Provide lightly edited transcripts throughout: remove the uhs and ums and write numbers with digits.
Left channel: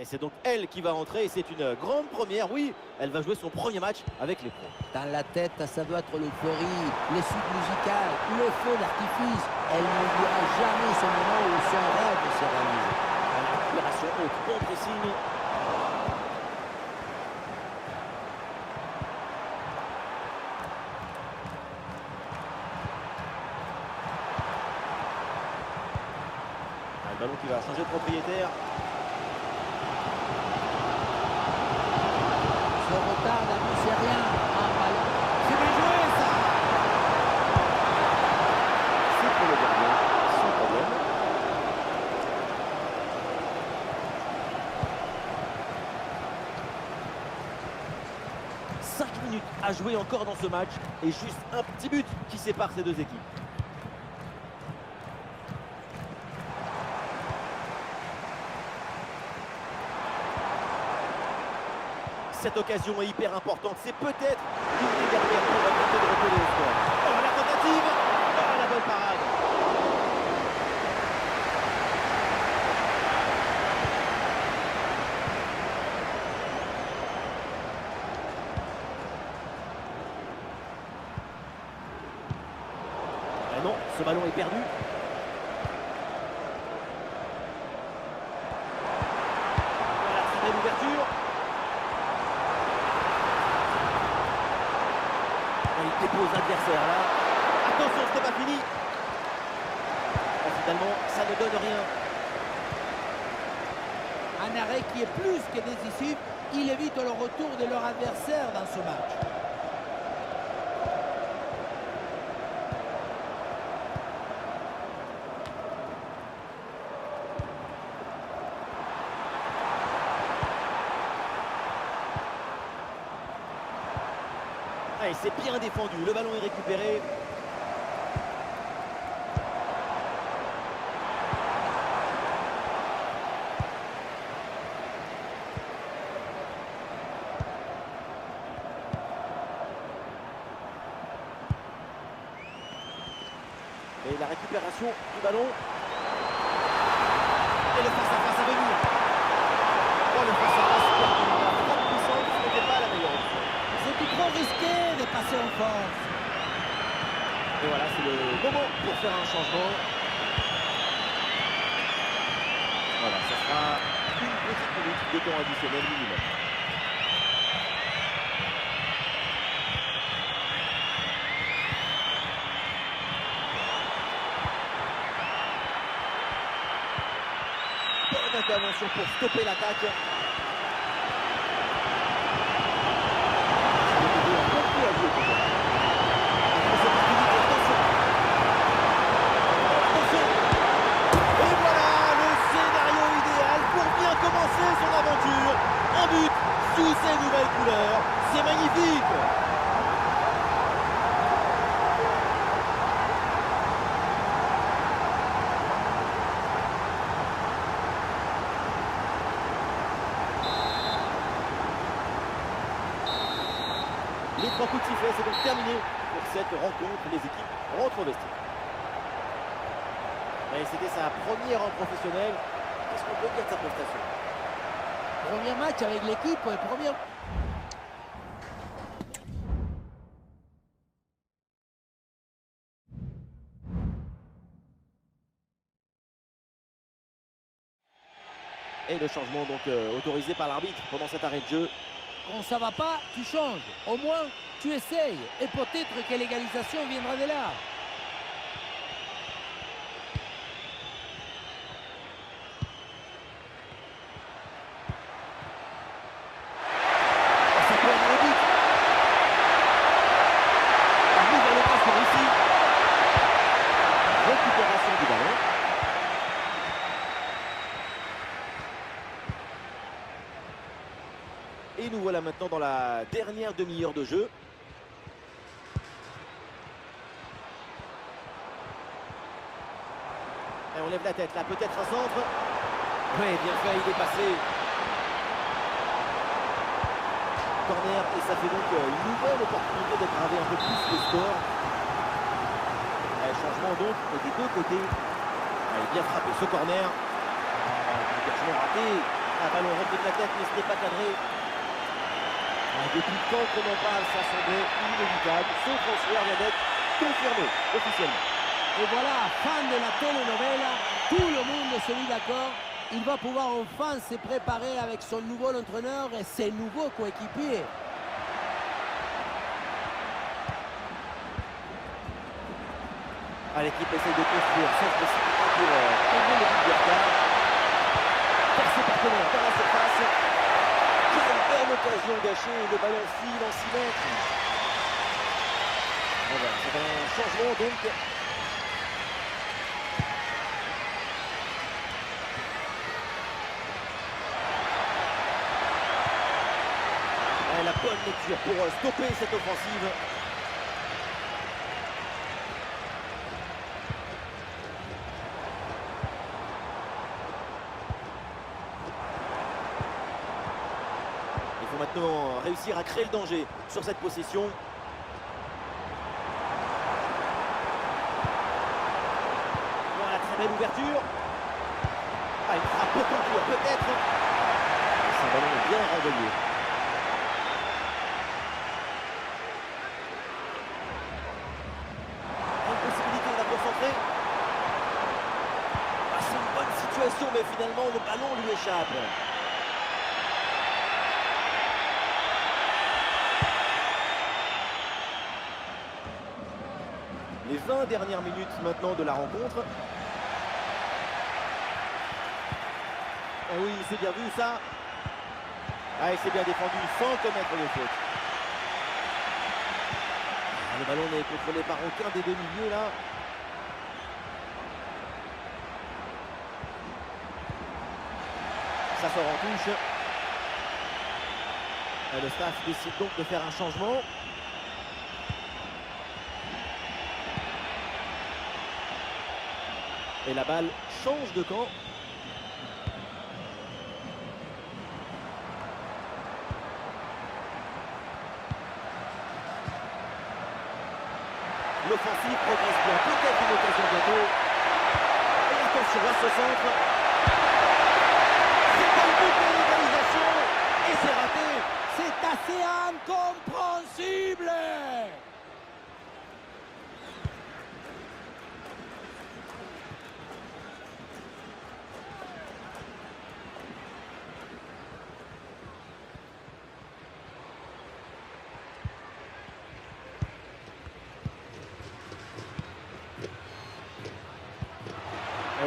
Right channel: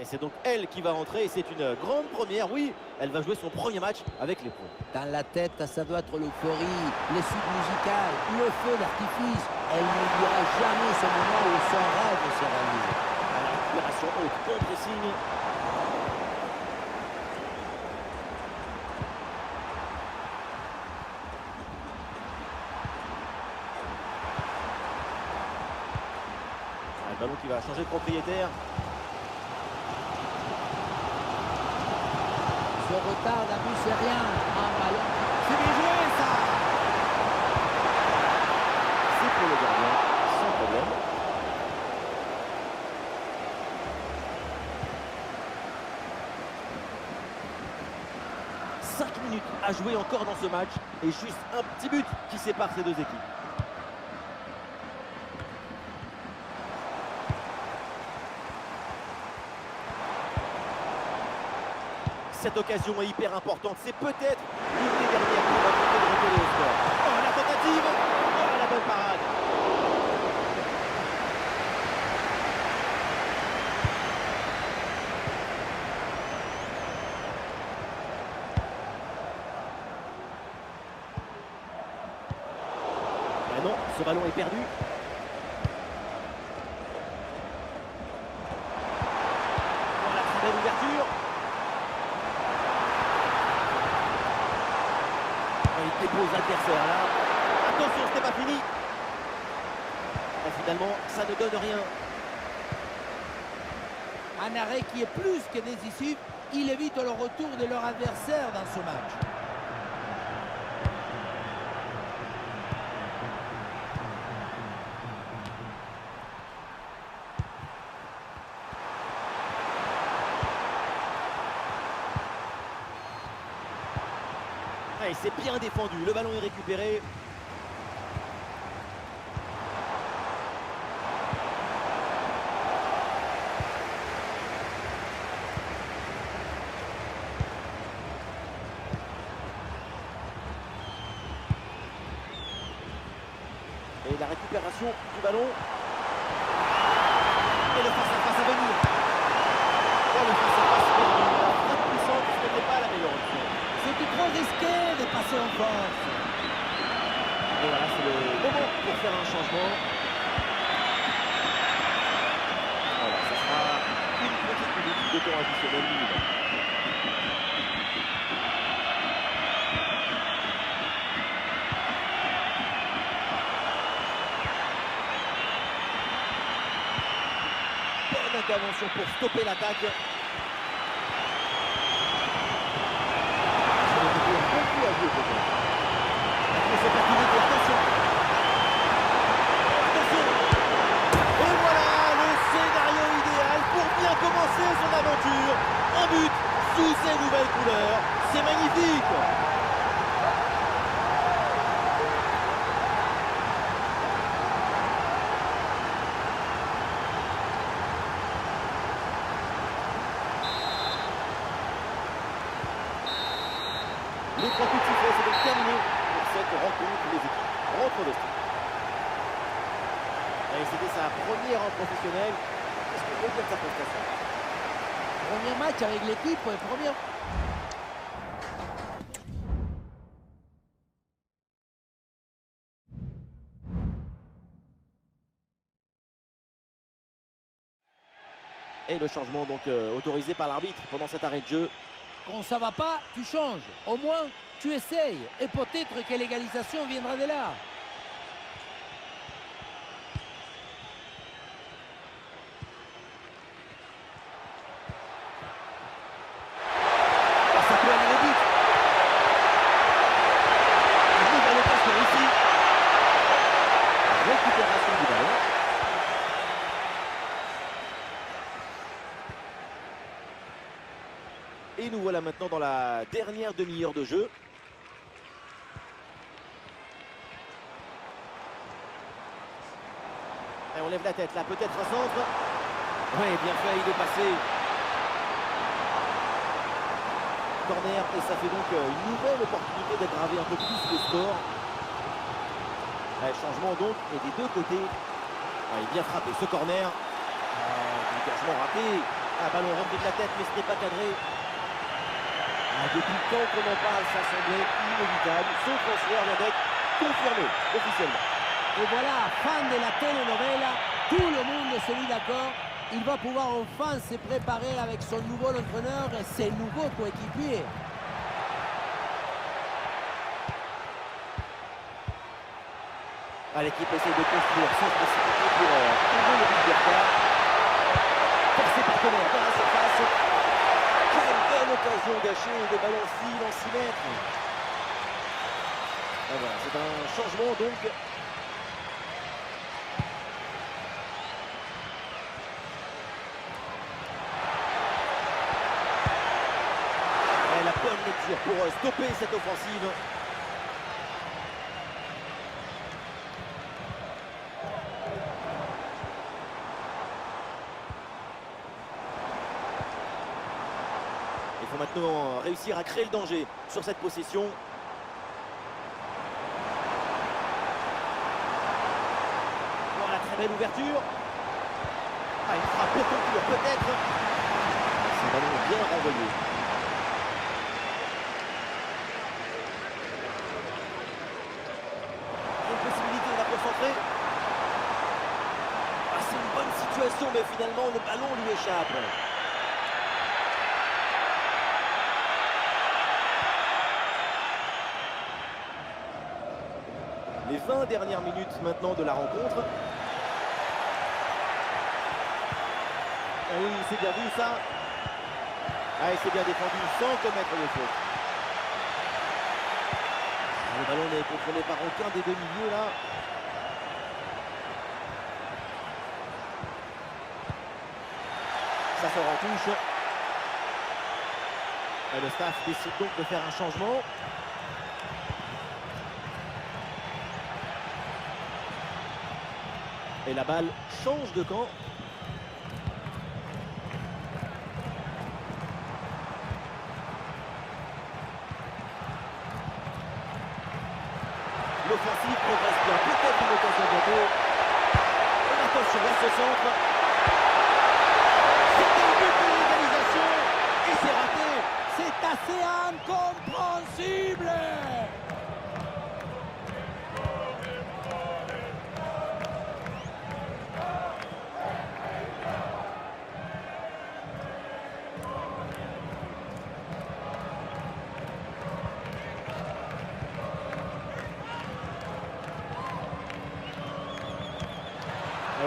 Et c'est donc elle qui va rentrer et c'est une grande première. Oui, elle va jouer son premier match avec les pros. Dans la tête, ça doit être l'euphorie, les suites musicales, le feu d'artifice. Elle n'oubliera jamais ce moment où son rêve s'est réalisé. À la récupération haute, bon pressing. Le ballon qui va changer de propriétaire. Ce retard d'abus, c'est rien. Un ballon. C'est bien joué, ça. C'est pour le gardien, sans problème. « 5 minutes à jouer encore dans ce match et juste un petit but qui sépare ces deux équipes. Cette occasion est hyper importante. C'est peut-être l'une des dernières pour tenter de recoller au score. Oh, la tentative. Oh, la bonne parade. Ah non, ce ballon est perdu. Voilà, très belle ouverture. Il dépose l'adversaire là. Attention, ce n'est pas fini. Et finalement, ça ne donne rien. Un arrêt qui est plus que décisif. Il évite le retour de leur adversaire dans ce match. Et c'est bien défendu, le ballon est récupéré. Et la récupération du ballon. Et le face-à-face à venir. Oh, le face-à-face perdu. La frappe puissante, ce n'était pas la meilleure option. C'était trop risqué de passer en force. Et voilà, c'est le moment pour faire un changement. Voilà, ça sera une petite minute de temps additionnel minimum. Bonne intervention pour stopper l'attaque. Sur le côté, un bon coup à jouer peut-être. Grosse opportunité, attention. Attention. Et voilà le scénario idéal pour bien commencer son aventure. Un but sous ses nouvelles couleurs. C'est magnifique. Les 3 coups de sifflet, c'est donc terminé pour cette rencontre. Les équipes rentrent au vestiaire. Et c'était sa première en professionnel. Qu'est-ce qu'on peut dire de sa prestation? Premier match avec l'équipe, première. Et le changement donc autorisé par l'arbitre pendant cet arrêt de jeu. Quand ça va pas, tu changes. Au moins, tu essayes. Et peut-être que l'égalisation viendra de là. Oh, ça peut aller au but. Une nouvelle occasion ici. Récupération du ballon. Et nous voilà maintenant dans la dernière demi-heure de jeu. Et on lève la tête là, peut-être un centre. Oui, bien fait, il est passé. Corner et ça fait donc une nouvelle opportunité d'aggraver un peu plus le score. Changement donc et des deux côtés. Allez, bien frappé ce corner. Oh, dégagement raté. Un ballon rentré de la tête, mais ce n'est pas cadré. Depuis le temps qu'on en parle, ça semblait inévitable. Ce transfert vient d'être confirmé officiellement. Et voilà, fan de la telenovela, tout le monde se mit d'accord. Il va pouvoir enfin se préparer avec son nouveau entraîneur et ses nouveaux coéquipiers. L'équipe essaye de construire sans se précipiter pour tomber le but d'Ercar. Vers ses partenaires dans la surface. Quelle belle occasion gâchée, le ballon file en 6 mètres. Et voilà, c'est un changement donc. Et la bonne lecture pour stopper cette offensive. Il faut maintenant réussir à créer le danger sur cette possession. Voilà, très belle ouverture. Une frappe pour conclure peut-être. C'est un ballon bien renvoyé. Une possibilité de la concentrer. C'est une bonne situation, mais finalement le ballon lui échappe. Les 20 dernières minutes maintenant de la rencontre. Oui, c'est bien vu ça. Et c'est bien défendu sans commettre de faute. Le ballon n'est contrôlé par aucun des deux milieux là. Ça sort en touche. Et le staff décide donc de faire un changement. Et la balle change de camp. L'offensive progresse bien. Peut-être une occasion bientôt. Et attention à ce centre. C'était le but de l'égalisation. Et c'est raté. C'est assez incompréhensible.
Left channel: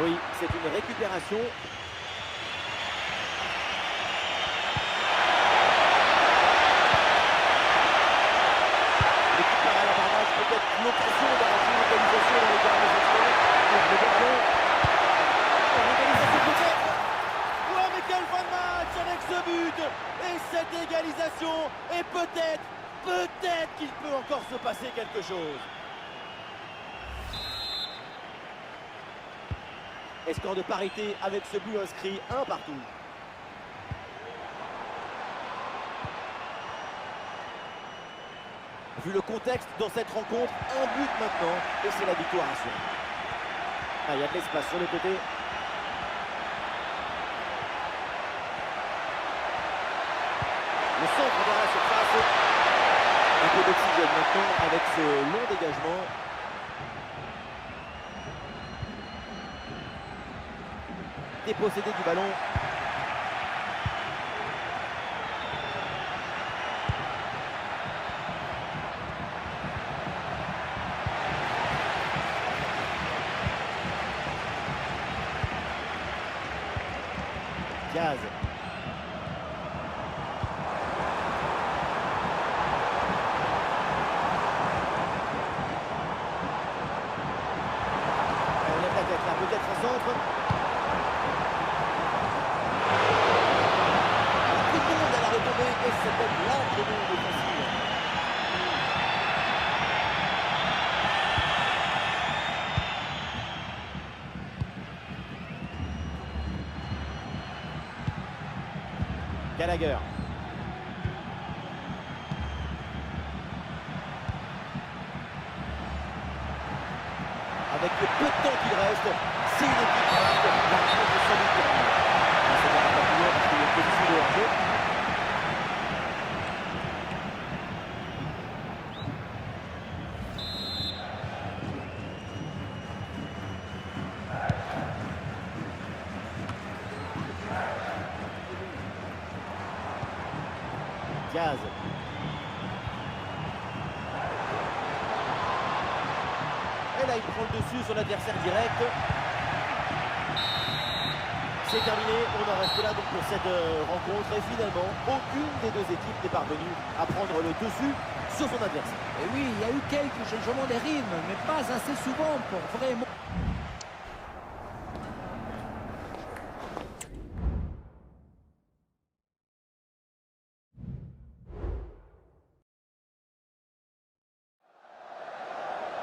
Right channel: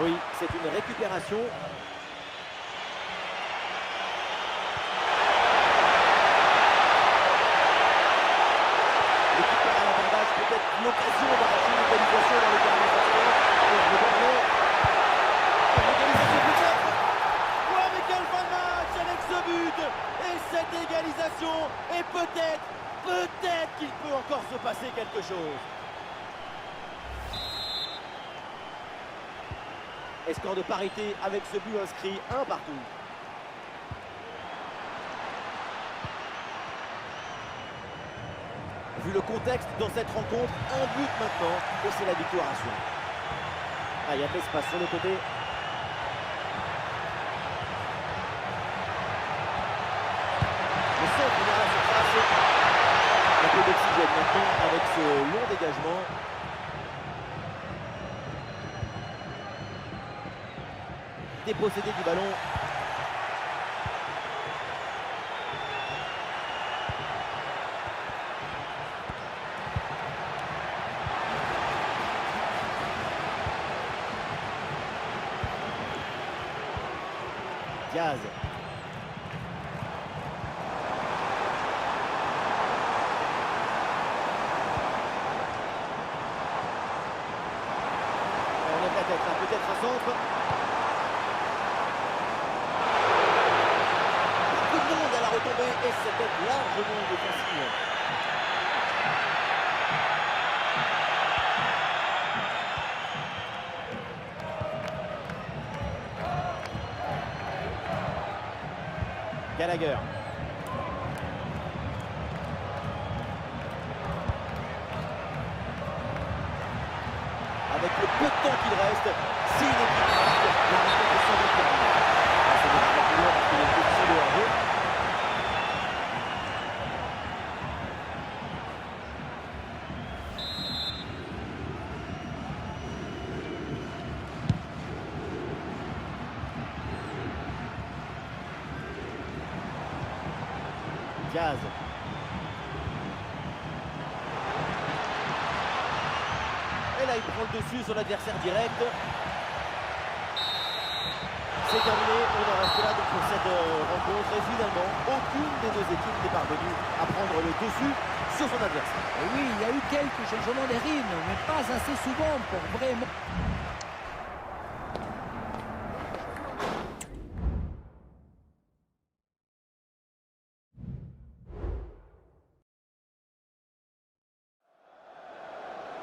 Oui, c'est une récupération. L'équipe part à l'abordage, peut-être l'occasion d'arracher l'égalisation dans les derniers instants. Le bon ballon. L'égalisation peut-être. Ouais, mais quelle fin de match avec ce but. Et cette égalisation. Et peut-être qu'il peut encore se passer quelque chose. Et score de parité avec ce but inscrit, 1 partout. Vu le contexte dans cette rencontre, un but maintenant et c'est la victoire assurée. Il y a de l'espace sur le côté. Le centre vers la surface. Un peu d'oxygène maintenant avec ce long dégagement. Dépossédé du ballon. Diaz. On lève la tête là, peut-être un centre. Beaucoup de monde à la retombée et c'était largement défensive. Gallagher. Avec le peu de temps qu'il reste, c'est une équipe qui marque. La rencontre est sans doute terminée. ça n'ira pas plus loin parce qu'il y a une position de hors-jeu. Diaz. Et là, il prend le dessus sur l'adversaire direct. C'est terminé, on en reste là donc pour cette rencontre. Et finalement, aucune des deux équipes n'est parvenue à prendre le dessus sur son adversaire. Et oui, il y a eu quelques changements de rythme, mais pas assez souvent pour vraiment...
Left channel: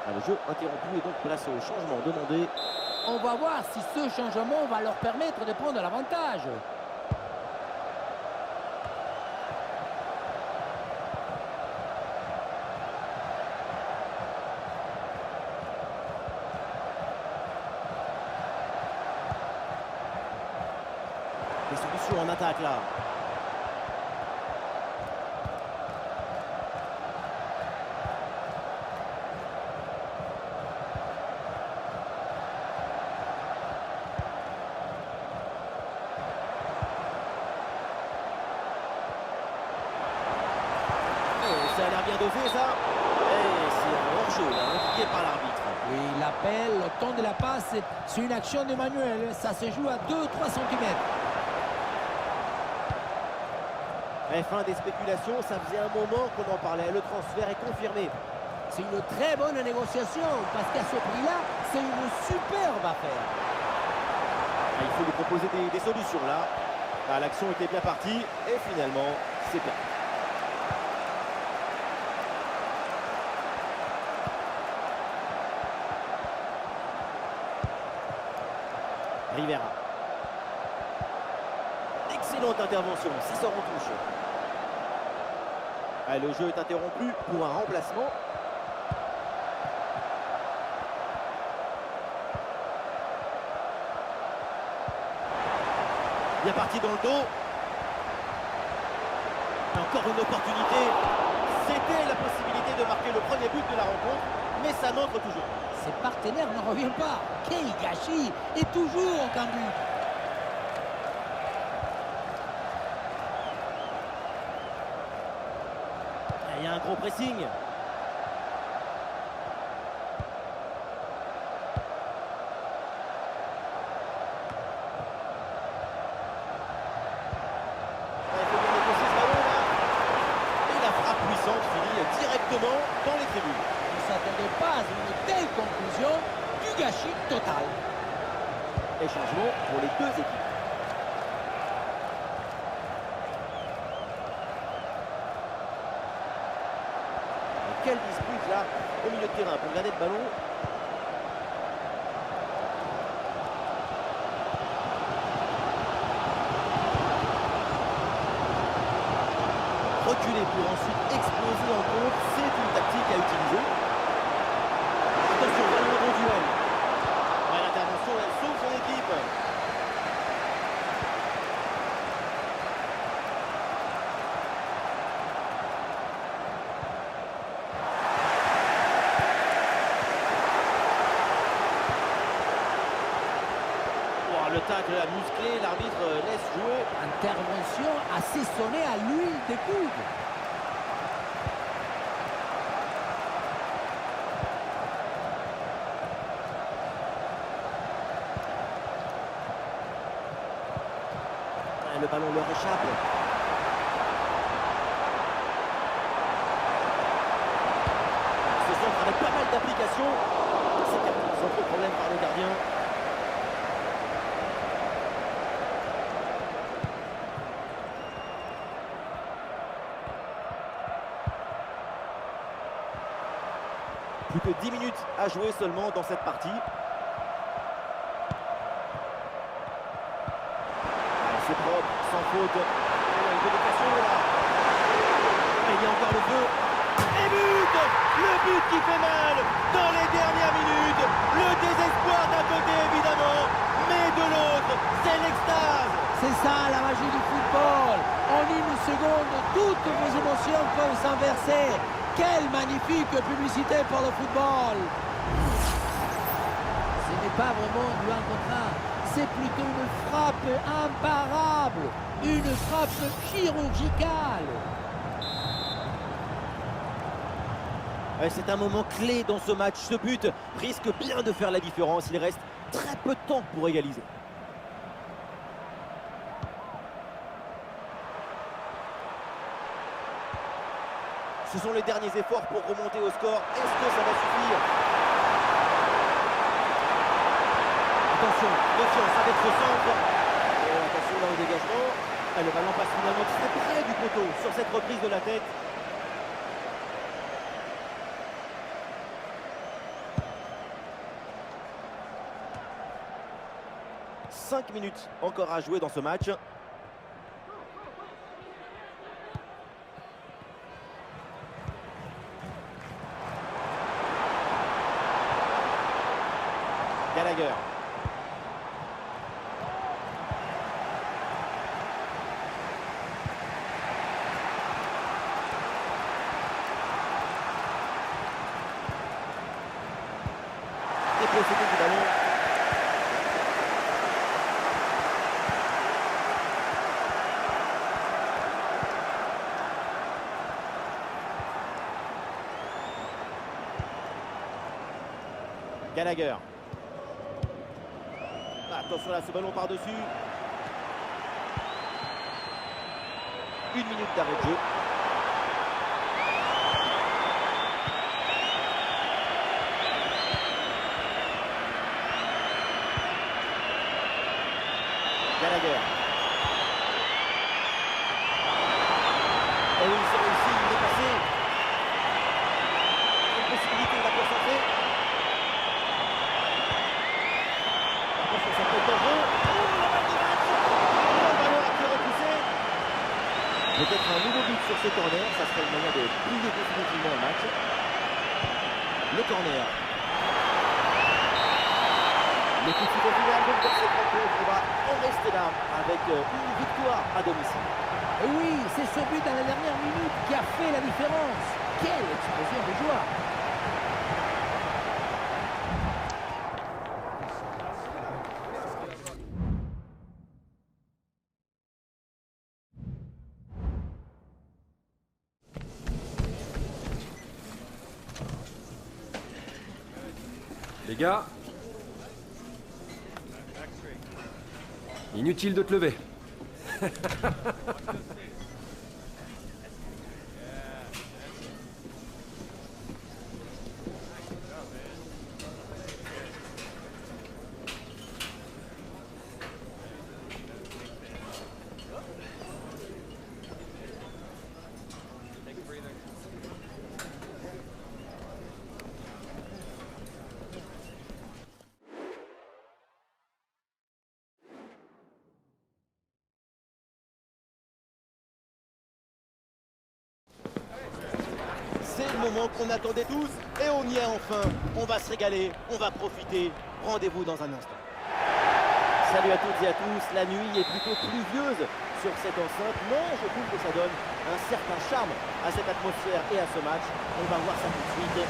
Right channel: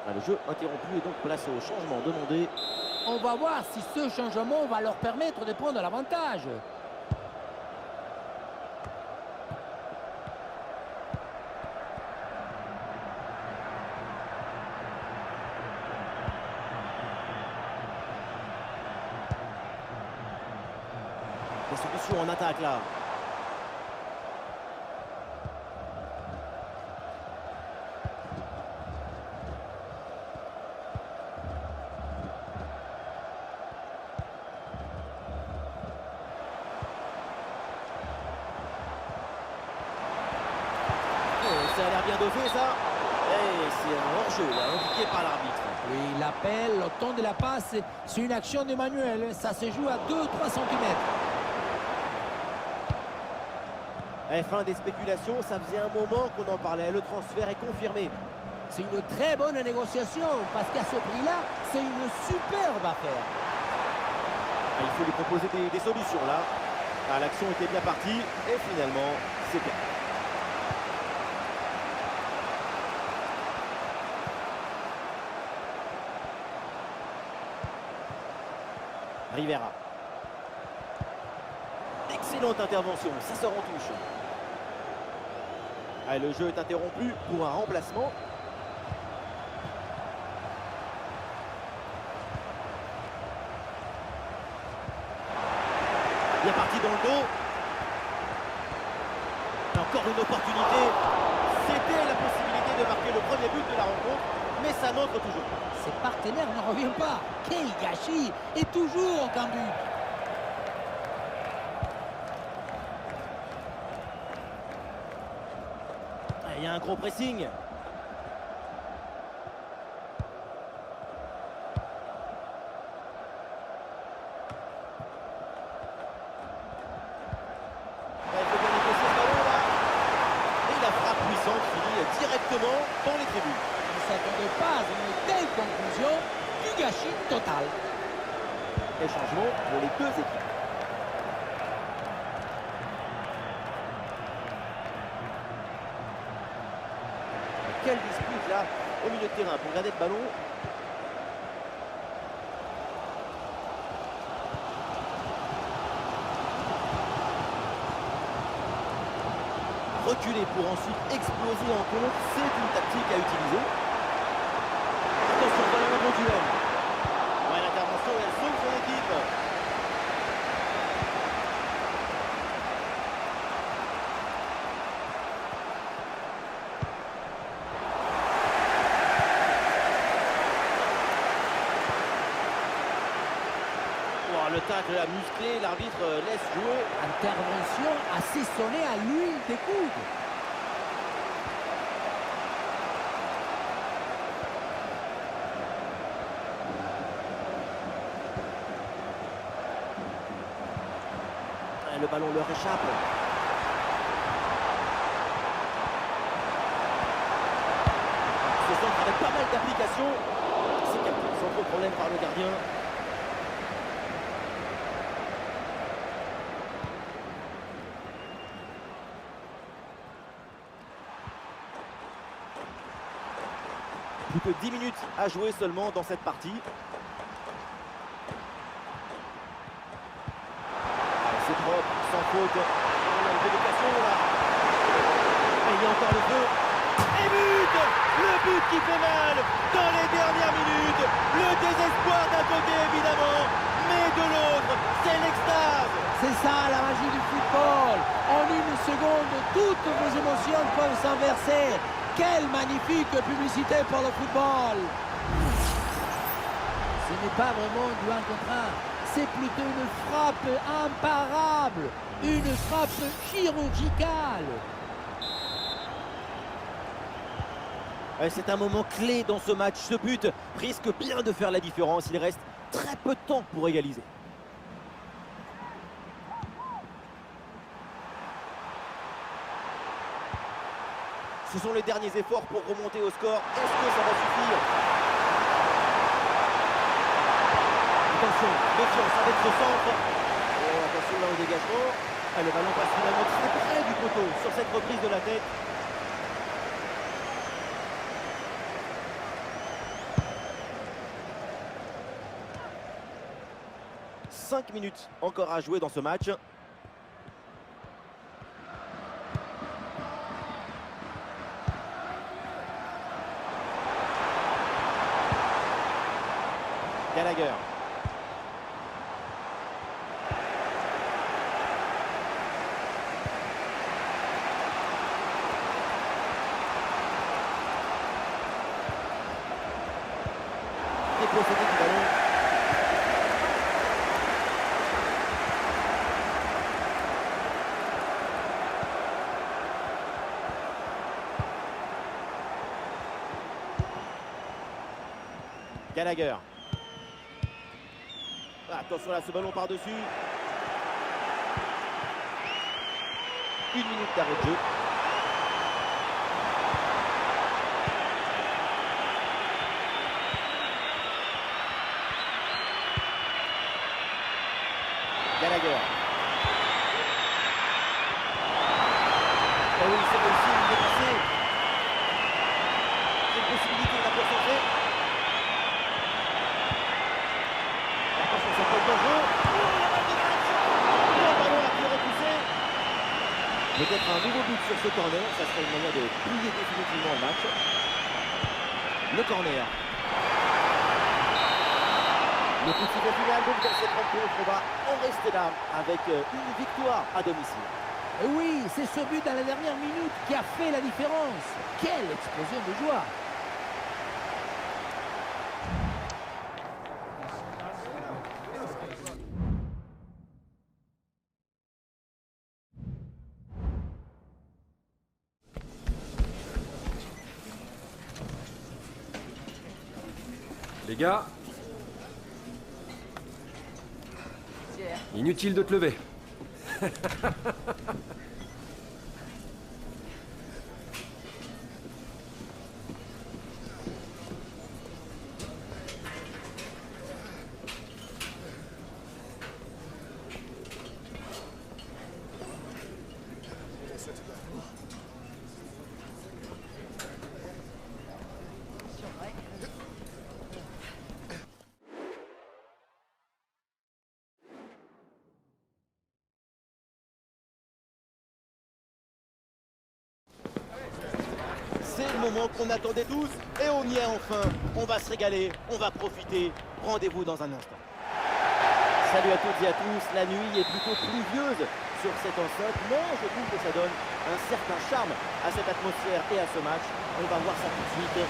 Ah, le jeu interrompu et donc place au changement demandé. On va voir si ce changement va leur permettre de prendre l'avantage. Des solutions en attaque là. Ça a l'air bien dosé ça. Et c'est un hors-jeu là, indiqué par l'arbitre. Oui, l'appel, le temps de la passe, c'est une action de Manuel. Ça se joue à 2-3 cm. Et fin des spéculations, ça faisait un moment qu'on en parlait. Le transfert est confirmé. C'est une très bonne négociation parce qu'à ce prix-là, c'est une superbe affaire. Ah, il faut lui proposer des solutions là. Ah, l'action était bien partie et finalement, c'est perdu. Rivera. Excellente intervention, ça sort en touche. Ah, le jeu est interrompu pour un remplacement. Bien parti dans le dos. Et encore une opportunité. C'était la possibilité de marquer le premier but de la rencontre, mais ça n'entre toujours pas. Ses partenaires ne reviennent pas. Quel gâchis! Et toujours aucun but. Il y a un gros pressing. Il faut bien négocier ce ballon là. Et la frappe puissante finit directement dans les tribunes. On ne s'attendait pas à une telle conclusion, du gâchis total. Et changement pour les deux équipes. Quelle dispute là au milieu de terrain pour garder le ballon. Reculer pour ensuite exploser en contre, c'est une tactique à utiliser. Attention, voilà un bon duel. Ouais, l'intervention, elle sauve son équipe. Le tacle a musclé, l'arbitre laisse jouer. Intervention assaisonnée à l'huile des coudes. Le ballon leur échappe. Ce centre avec pas mal d'application. C'est capté sans trop de problème par le gardien. Plus que 10 minutes à jouer seulement dans cette partie. C'est propre, sans faute. On a une déviation là. Et il y a encore le feu. Et but! Le but qui fait mal dans les dernières minutes. Le désespoir d'un côté évidemment, mais de l'autre, c'est l'extase. C'est ça la magie du football. En une seconde, toutes vos émotions peuvent s'inverser. Quelle magnifique publicité pour le football. Ce n'est pas vraiment du 1 contre 1. C'est plutôt une frappe imparable. Une frappe chirurgicale. Ouais, c'est un moment clé dans ce match. Ce but risque bien de faire la différence. Il reste très peu de temps pour égaliser. Ce sont les derniers efforts pour remonter au score. Est-ce que ça va suffire? Attention, méfiance avec ce centre. Et attention là au dégagement. Ah, le ballon passe finalement très près du poteau sur cette reprise de la tête. « 5 minutes encore à jouer dans ce match. Gallagher. Dépossédé du ballon. Gallagher. Attention là, ce ballon par-dessus. 1 minute d'arrêt de jeu. Gallagher. Et oui, c'est réussi, il est passé. Une possibilité là pour centrer. Attention, ça peut être dangereux. Oh, la balle de match. Le ballon là qui est repoussé. Peut-être un nouveau but sur ce corner. Ça serait une manière de plier définitivement le match. Le corner. Le coup de sifflet final donc dans cette rencontre, on va en rester là avec une victoire à domicile. Et oui, c'est ce but dans la dernière minute qui a fait la différence. Quelle explosion de joie! Les gars, inutile de te lever. C'est le moment qu'on attendait tous et on y est enfin. On va se régaler, on va profiter. Rendez-vous dans un instant. Salut à toutes et à tous. La nuit est plutôt pluvieuse sur cette enceinte, mais je trouve que ça donne un certain charme à cette atmosphère et à ce match. On va voir ça tout de suite.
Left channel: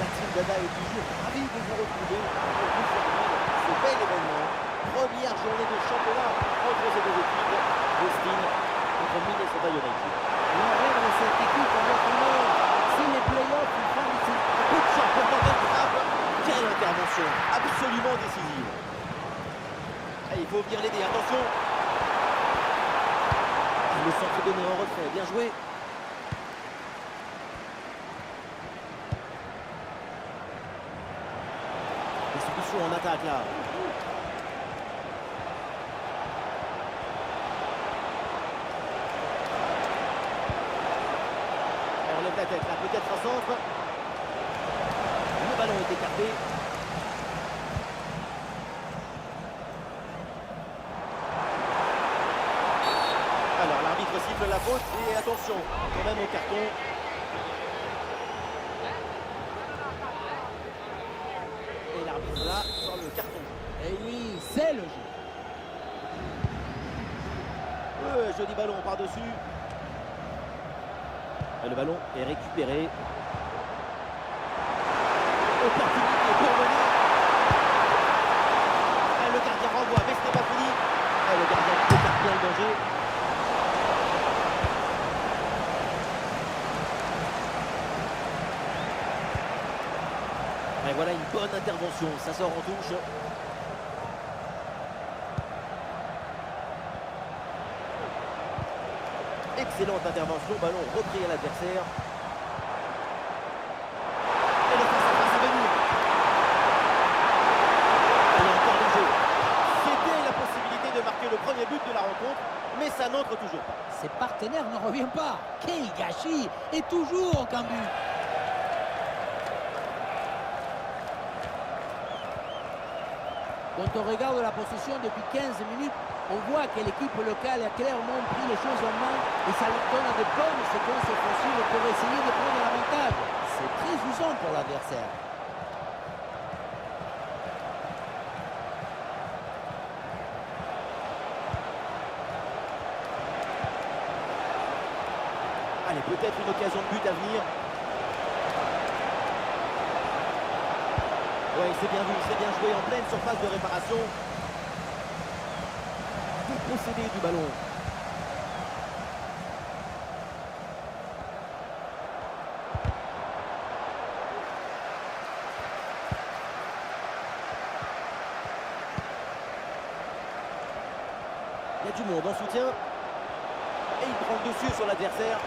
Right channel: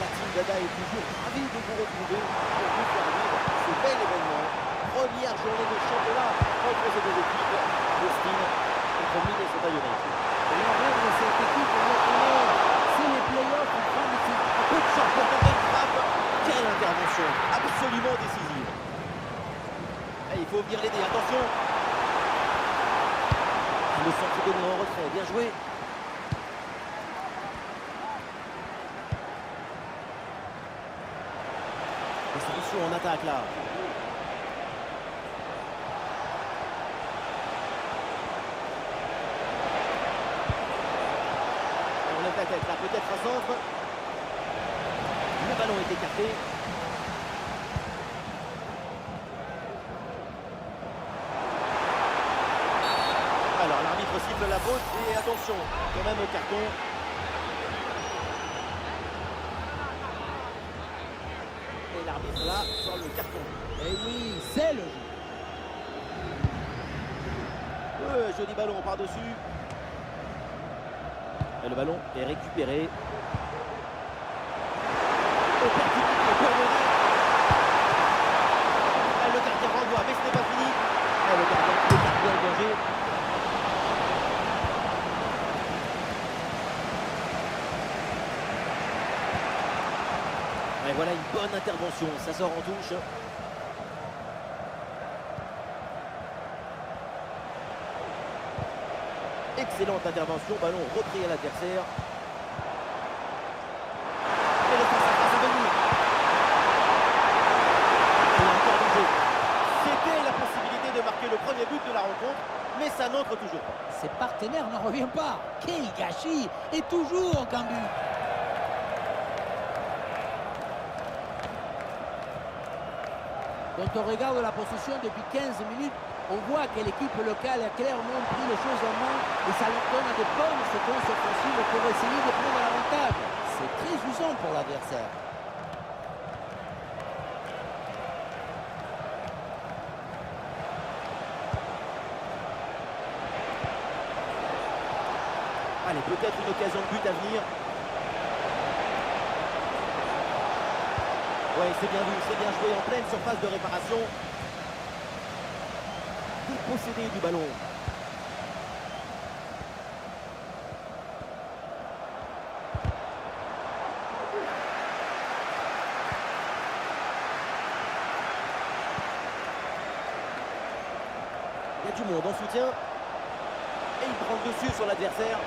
La team Dada est toujours ravie de vous retrouver pour vous faire vivre ce bel événement. Première journée de championnat entre ces deux équipes. Austin contre Minnesota United. Et on rêve de cette équipe, on le connaît. C'est les playoffs, une fin d'ici. Coup de champion dans une frappe. Quelle intervention absolument décisive. Et il faut venir l'aider, attention. Le centre donné en retrait, bien joué. Des solutions en attaque là. Et on lève la tête là, peut-être un centre. Le ballon est écarté. Alors l'arbitre siffle la faute et attention quand même au carton. l'arbitre là sur le carton. Et oui, c'est logique. Joli ballon par-dessus. Et le ballon est récupéré. Opportunité pour mener. Et le gardien renvoie, mais ce n'est pas fini. Et le gardien écarte bien le danger. Et voilà une bonne intervention, ça sort en touche. Excellente intervention, ballon repris à l'adversaire. Et le face-à-face à venir. Il y a encore du jeu. C'était la possibilité de marquer le premier but de la rencontre, mais ça n'entre toujours pas. Ses partenaires n'en reviennent pas. Quel gâchis! Et toujours aucun but. Quand on regarde la possession depuis 15 minutes, on voit que l'équipe locale a clairement pris les choses en main et ça leur donne de bonnes séquences offensives pour essayer de prendre l'avantage. C'est très usant pour l'adversaire. Allez, peut-être une occasion de but à venir. Ouais, c'est bien vu, c'est bien joué en pleine surface de réparation. Dépossédé du ballon. Il y a du monde en soutien. Et il prend le dessus sur l'adversaire.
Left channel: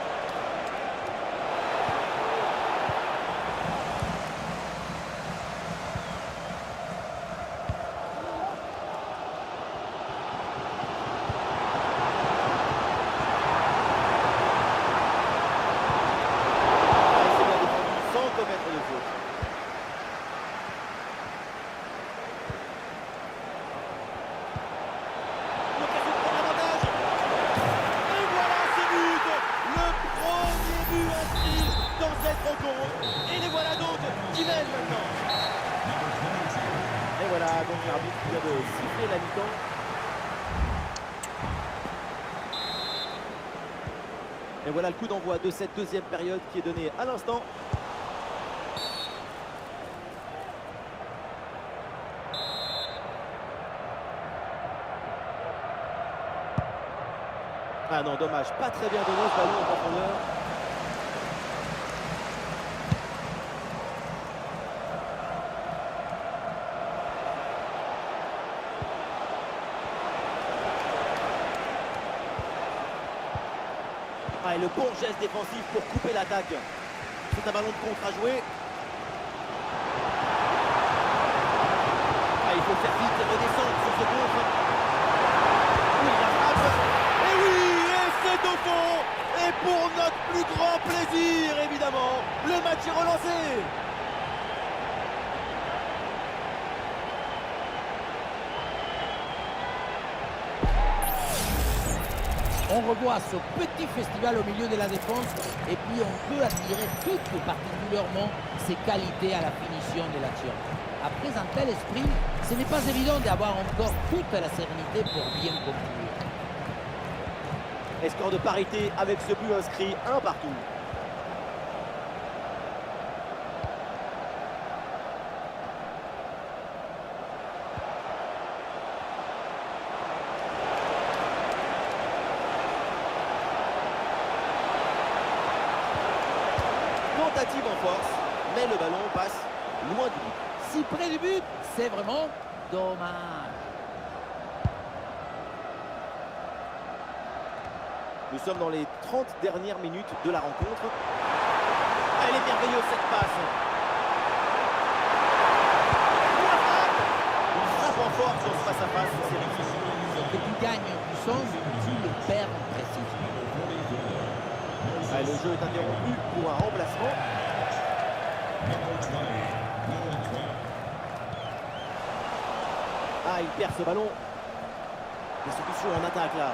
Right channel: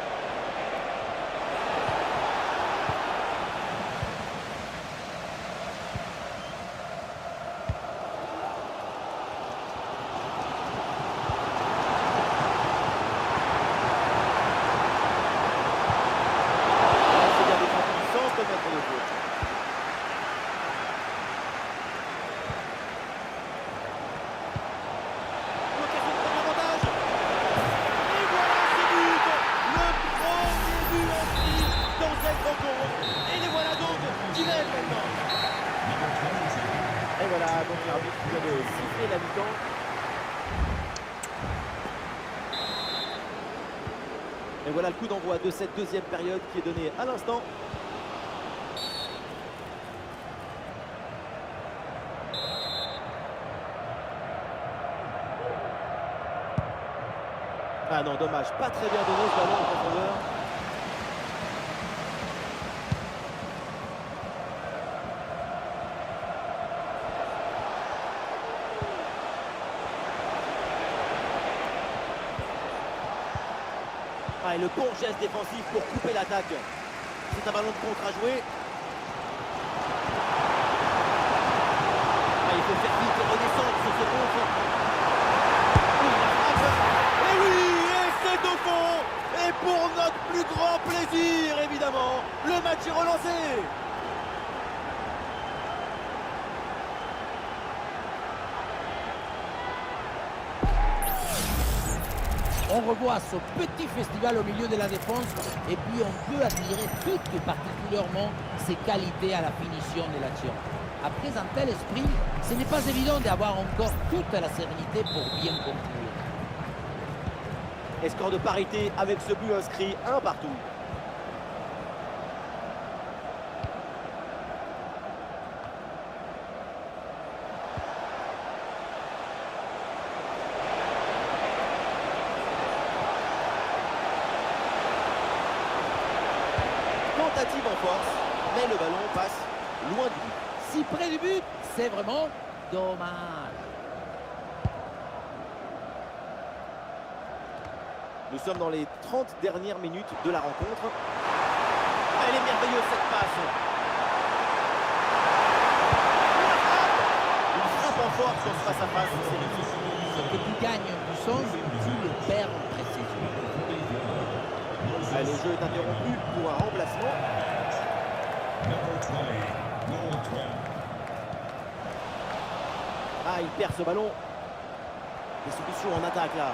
Commettre de faute. L'occasion de prendre l'avantage. Et voilà ce but. Le premier but inscrit dans cette rencontre. Et les voilà donc qui mènent maintenant. Et voilà donc l'arbitre qui vient de siffler la mi-temps. Et voilà le coup d'envoi de cette deuxième période qui est donné à l'instant. Ah non, dommage, pas très bien donné ce ballon en profondeur. Ah, et le bon geste défensif pour couper l'attaque. C'est un ballon de contre à jouer. Ah, il faut faire vite et redescendre sur ce contre. Oui, la frappe. Et oui, et c'est au fond. Et pour notre plus grand plaisir, évidemment, le match est relancé. On revoit ce petit festival au milieu de la défense et puis on peut admirer tout particulièrement ses qualités à la finition de l'action. Après un tel esprit, ce n'est pas évident d'avoir encore toute la sérénité pour bien conclure. Et score de parité avec ce but inscrit, 1 partout. Tentative en force, mais le ballon passe loin du but. Si près du but, c'est vraiment dommage. Nous sommes dans les 30 dernières minutes de la rencontre. Elle est merveilleuse cette passe. La frappe. Une frappe en force sur ce face-à-face, c'est réussi. Ce que tu gagnes en puissance, tu le perds en précision. Allez, le jeu est interrompu pour un remplacement. Ah, il perd ce ballon. Des solutions en attaque là.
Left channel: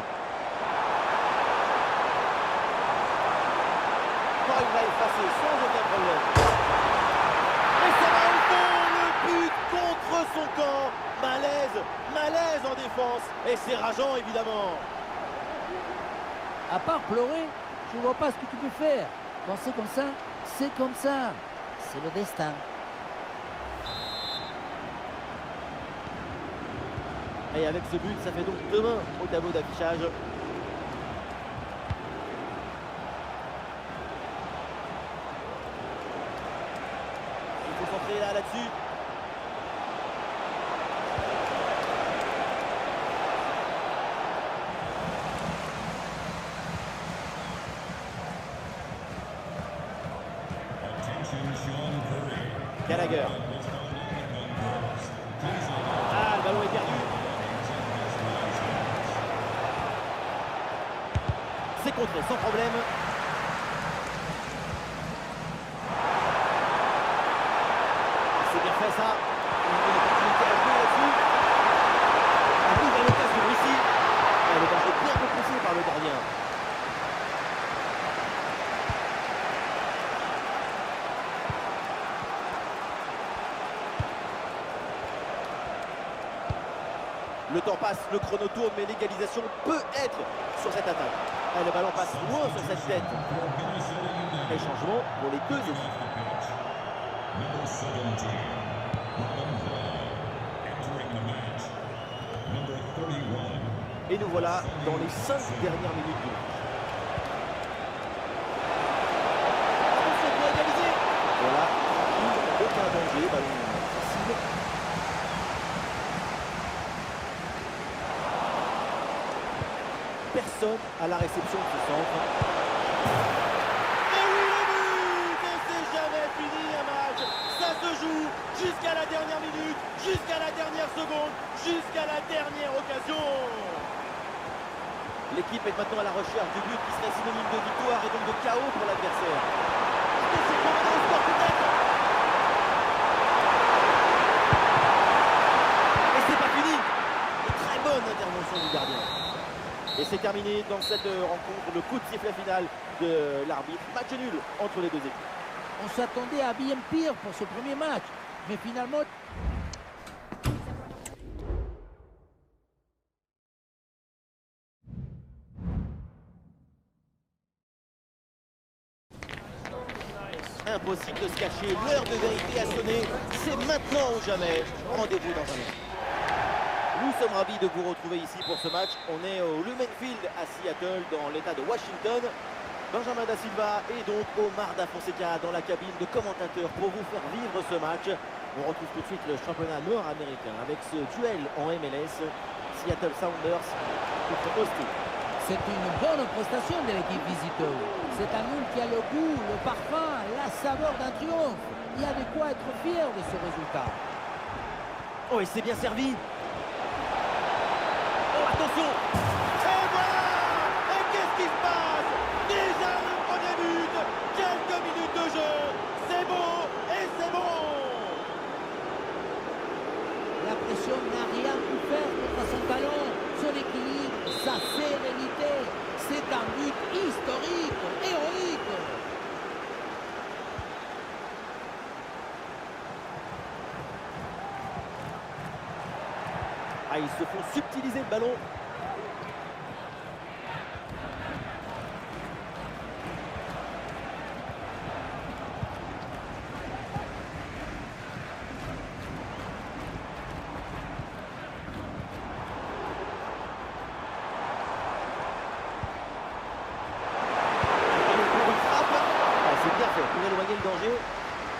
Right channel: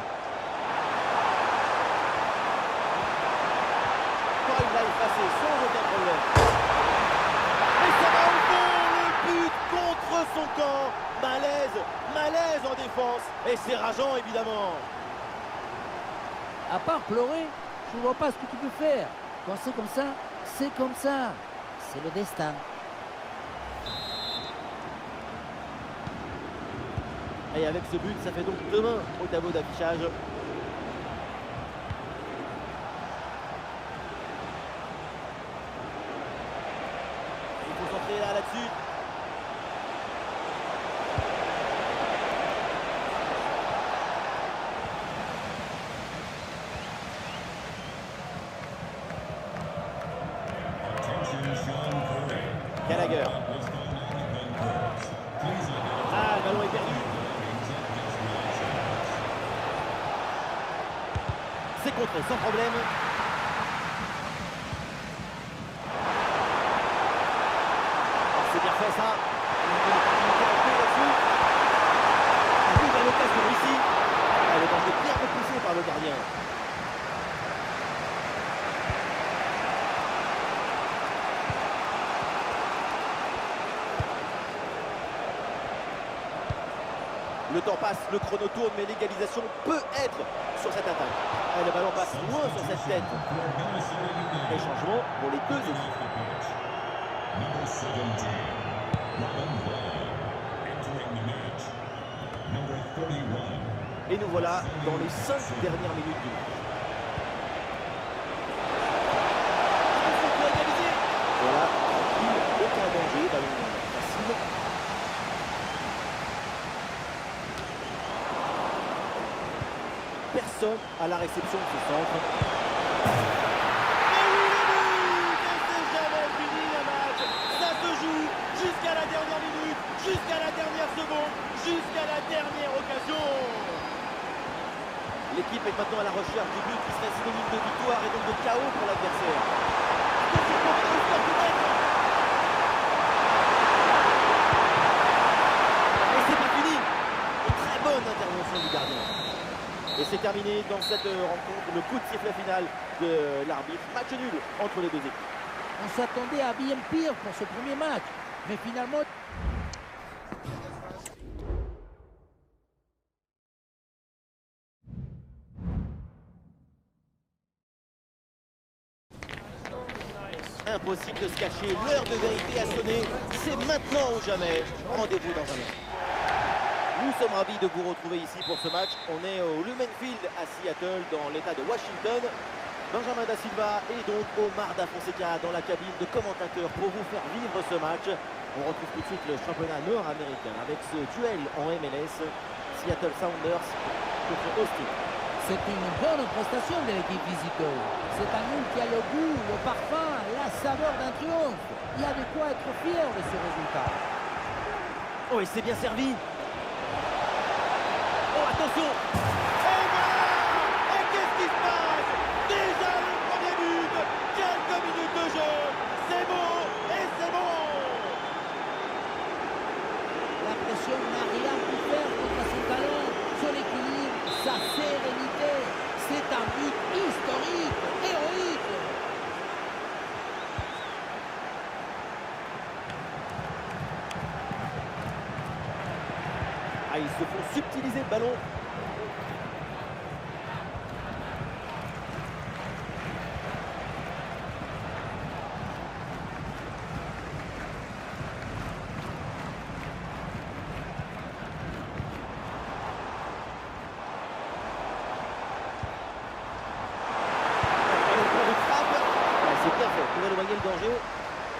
Il l'a effacé sans aucun problème. Et ça va au fond, le but contre son camp. Malaise en défense. Et c'est rageant, évidemment. À part pleurer, je ne vois pas ce que tu peux faire. Quand c'est comme ça, c'est comme ça. C'est le destin. Et avec ce but, ça fait donc 2-1 au tableau d'affichage. Il faut centrer là-dessus. Gallagher. Ah, le ballon est perdu. C'est contré sans problème. Ah, c'est bien fait ça. Il y a une opportunité à jouer là-dessus. Arrive à l'occasion ici. Ah, le danger bien repoussé par le gardien. Le temps passe, le chrono tourne, mais l'égalisation peut être sur cette attaque. Et le ballon passe loin sur cette tête. Et changement pour les deux équipes. Et nous voilà dans les 5 dernières minutes du match. Attention pour égaliser. Voilà, aucun danger, ballon facile. Personne à la réception de ce centre. Et oui, le but! Et c'est jamais fini un match. Ça se joue jusqu'à la dernière minute, jusqu'à la dernière seconde, jusqu'à la dernière occasion. L'équipe est maintenant à la recherche du but qui serait synonyme de victoire et donc de chaos pour l'adversaire. Attention pour mener au score peut-être. Et c'est pas fini. Et très bonne intervention du gardien. Et c'est terminé dans cette rencontre, le coup de sifflet final de l'arbitre. Match nul entre les deux équipes. On s'attendait à bien pire pour ce premier match. Mais finalement... Impossible de se cacher, l'heure de vérité a sonné. C'est maintenant ou jamais. Rendez-vous dans un instant. Nous sommes ravis de vous retrouver ici pour ce match. On est au Lumen Field à Seattle, dans l'état de Washington. Benjamin Da Silva et donc Omar Da Fonseca dans la cabine de commentateurs pour vous faire vivre ce match. On retrouve tout de suite le championnat nord-américain avec ce duel en MLS. Seattle Sounders contre Austin. C'est une bonne prestation de l'équipe visiteuse. C'est un nul qui a le goût, le parfum, la saveur d'un triomphe. Il y a de quoi être fier de ce résultat. Oh, et c'est bien servi. Oh, attention! Et voilà! Et qu'est-ce qui se passe? Déjà le premier but! Quelques minutes de jeu! C'est beau et c'est bon! La pression n'a rien pu faire contre son talent, son équilibre, sa sérénité. C'est un but historique, héroïque. Ah, ils se font subtiliser le ballon. Ballon pour une frappe. Ah, c'est bien fait pour éloigner le danger.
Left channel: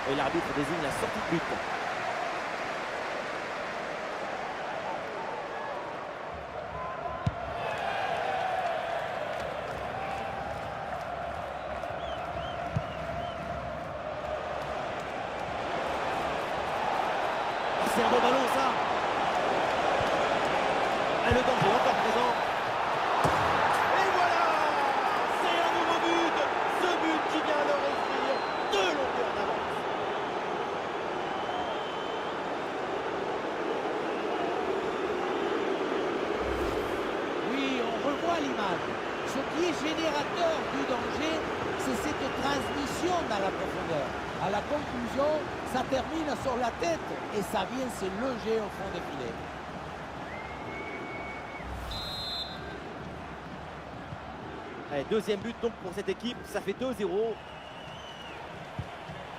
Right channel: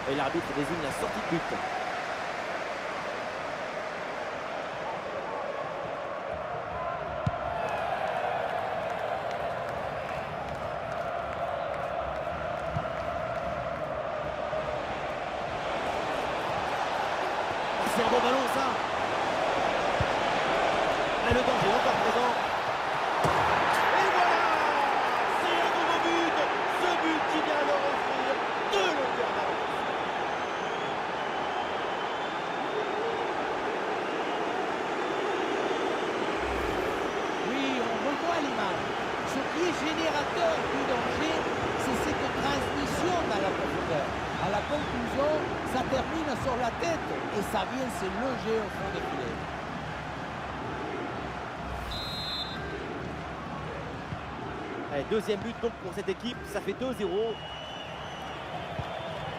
Et l'arbitre désigne la sortie de but. C'est un bon ballon ça. Et le danger encore présent. Et voilà. C'est un nouveau but. Ce but qui vient leur offrir 2 longueurs d'avance. Oui, on revoit l'image. Ce qui est générateur du danger, c'est cette transmission dans la profondeur. À la conclusion, ça termine sur la tête et ça vient se loger au fond des filets. Allez, deuxième but donc pour cette équipe, ça fait 2-0.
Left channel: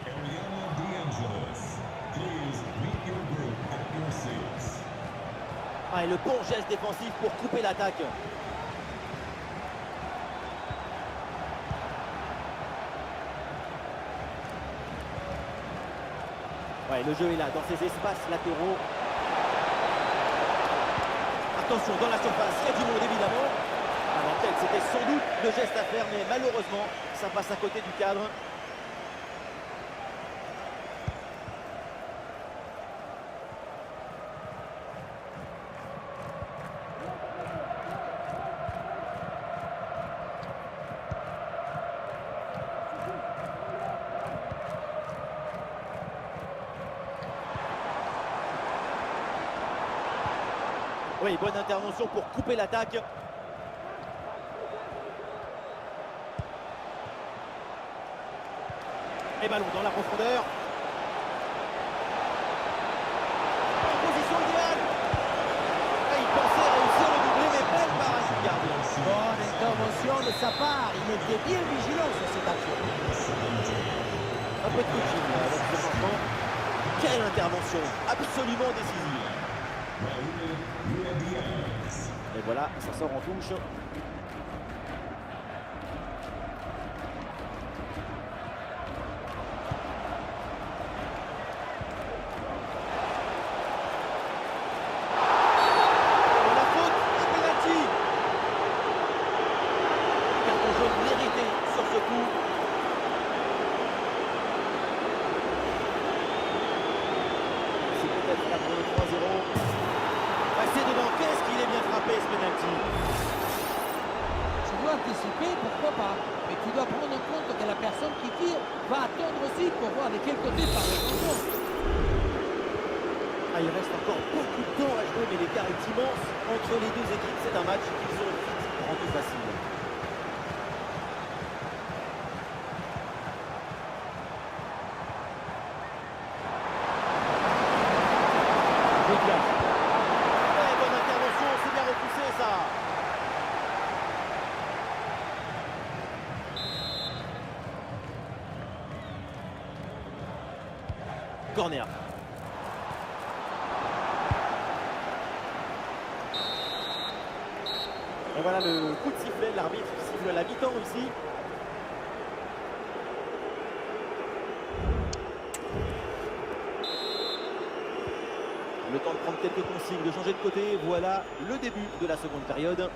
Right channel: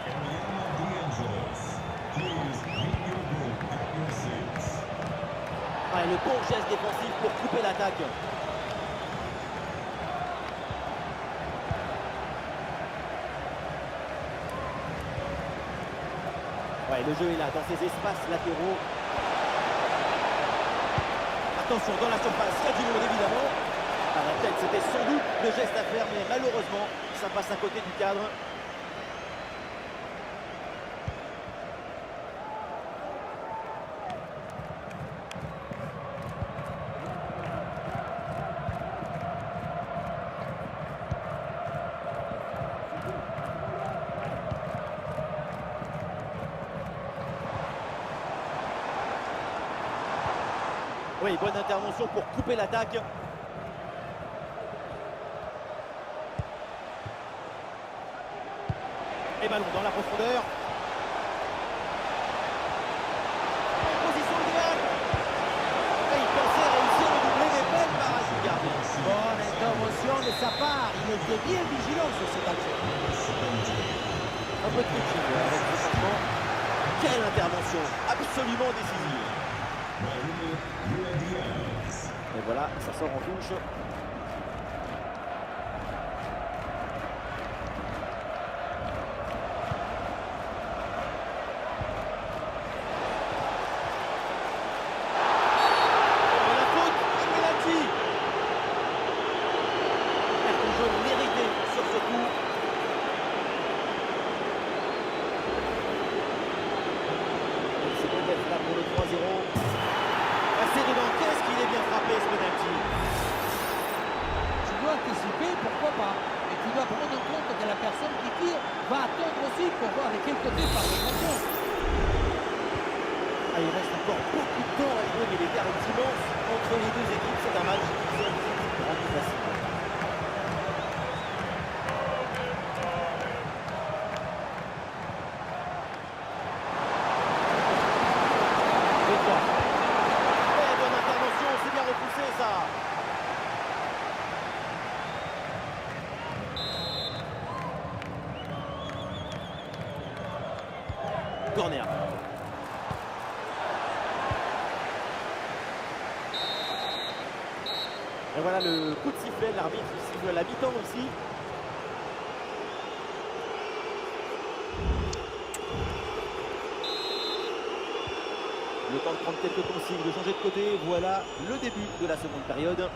Ariana DeAngelis, please meet your group at your seats. Allez, le bon geste défensif pour couper l'attaque. Ouais, le jeu est là, dans ces espaces latéraux. Attention, dans la surface, il y a du monde évidemment. À la tête, c'était sans doute le geste à faire, mais malheureusement, ça passe à côté du cadre. Oui, bonne intervention pour couper l'attaque. Et ballon dans la profondeur. En position idéale. Et il pensait réussir le doublé, mais belle parade du gardien. Bonne intervention de sa part. Il était bien vigilant sur cette action. Un peu de coaching avec ce changement. Quelle intervention, absolument décisive. Raúl Diaz. Et voilà, ça sort en touche. Oh, la faute et penalty. Carton jaune mérité sur ce coup. C'est peut-être là pour le 3-0. Passé dedans, qu'est-ce qu'il est bien frappé ce penalty. Tu dois anticiper, pourquoi pas. Mais tu dois prendre en compte que la personne qui tire va attendre aussi pour voir de quel côté part le ballon. Ah, il reste encore beaucoup de temps à jouer, mais l'écart est immense entre les deux équipes. C'est un match qu'ils ont vite rendu facile. Bécard. Eh, bonne intervention, c'est bien repoussé ça. Corner. Et voilà le coup de sifflet, l'arbitre siffle à la mi-temps ici. Le temps de prendre quelques consignes, de changer de côté. Voilà le début de la seconde période.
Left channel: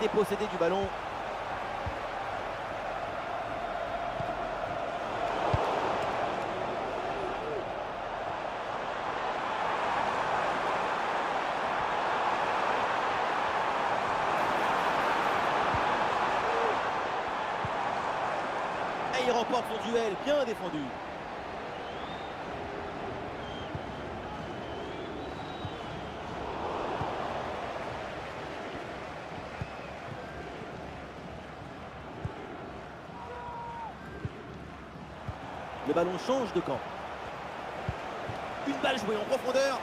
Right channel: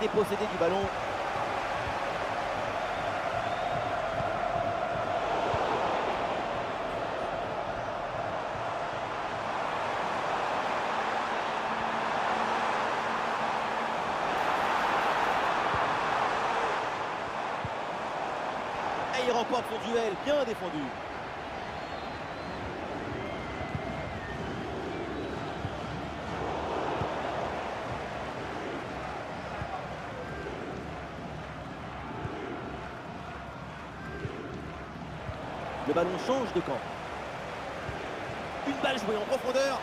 Dépossédé du ballon. Et il remporte son duel, bien défendu. Le ballon change de camp. Une balle jouée en profondeur.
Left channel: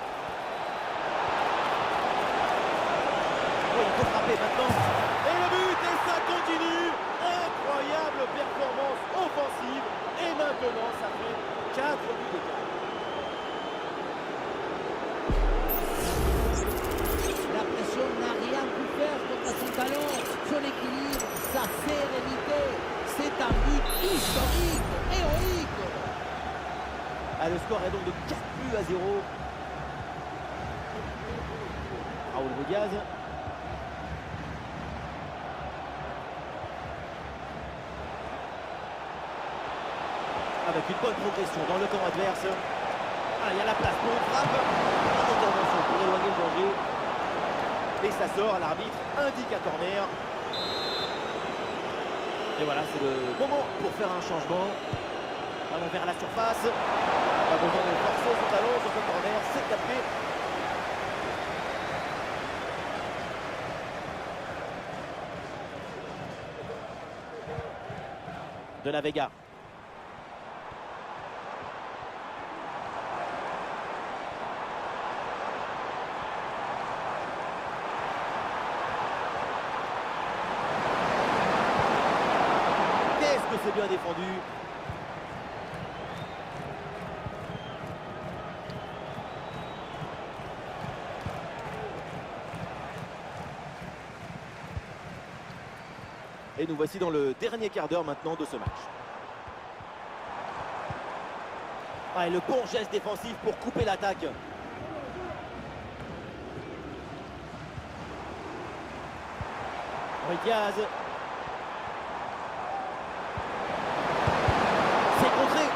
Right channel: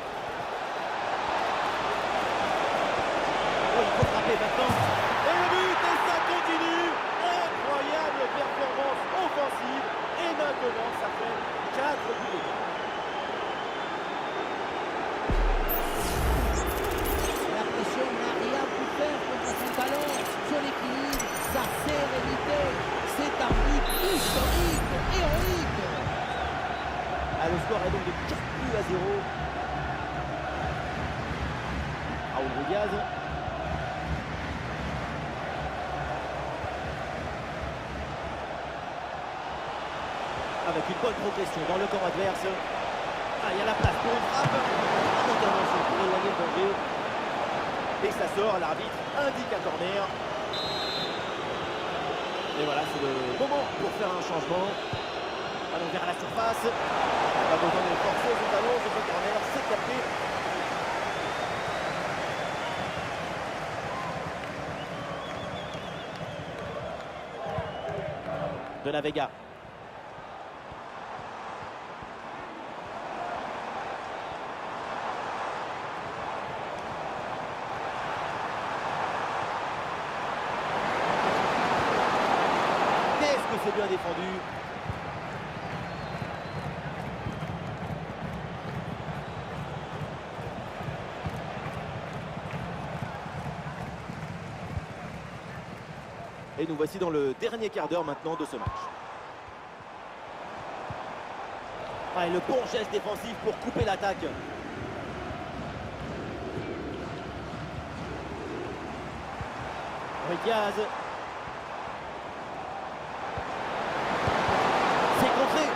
Oh, il faut frapper maintenant. Et le but, et ça continue. Incroyable performance offensive. Et maintenant, ça fait 4 buts d'écart. La pression n'a rien pu faire contre son talent, son équilibre, sa sérénité. C'est un but historique, héroïque. Ah, le score est donc de 4 buts à 0. Raúl Diaz. Avec une bonne progression dans le camp adverse. Ah, il y a la place pour une frappe. Une intervention pour éloigner le danger. Et ça sort, l'arbitre indique un corner. Et voilà, c'est le moment pour faire un changement. Allons vers la surface. Pas besoin de forcer son talon sur ce corner, c'est capté. De la Vega. Qu'est-ce que c'est bien défendu. Et nous voici dans le dernier quart d'heure maintenant de ce match. Ah, et le bon geste défensif pour couper l'attaque. Ruiz Diaz. C'est contré.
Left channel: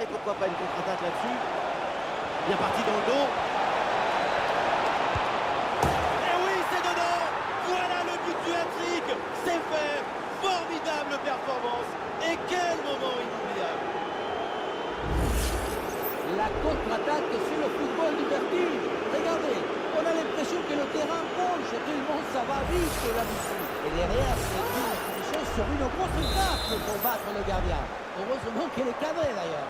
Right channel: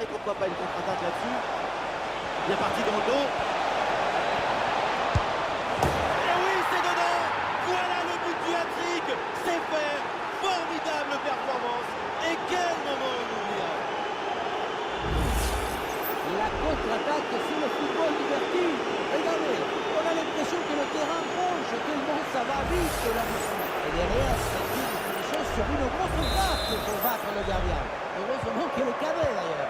Et pourquoi pas une contre-attaque là-dessus. Bien parti dans le dos. Et oui, c'est dedans. Voilà le but du hat-trick. C'est fait. Formidable performance. Et quel moment inoubliable. La contre-attaque, c'est le football diverti. Regardez, on a l'impression que le terrain penche tellement ça va vite là-dessus. Et derrière, c'est une finition sur une grosse frappe pour battre le gardien. Heureusement qu'elle est cadrée d'ailleurs.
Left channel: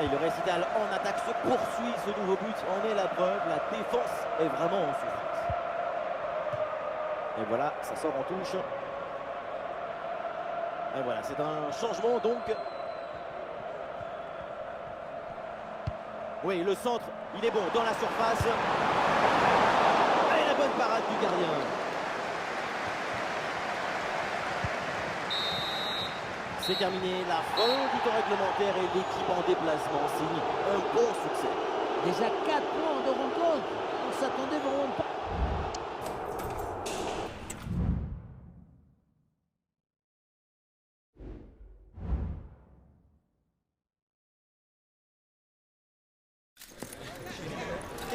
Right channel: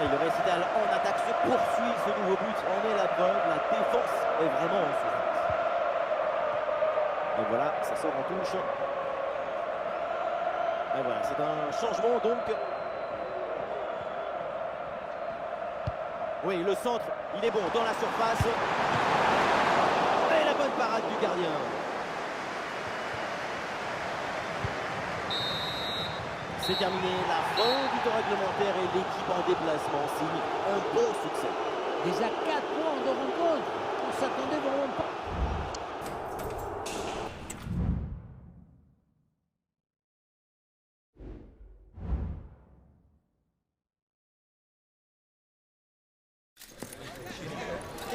Et le récital en attaque se poursuit, ce nouveau but en est la preuve, la défense est vraiment en souffrance. Et voilà, ça sort en touche. Et voilà, c'est un changement donc. Oui, le centre, il est bon dans la surface. Et la bonne parade du gardien. C'est terminé, la fin du temps réglementaire et l'équipe en déplacement signe un bon succès. Déjà 4 points de rencontre. On s'attendait vraiment pas.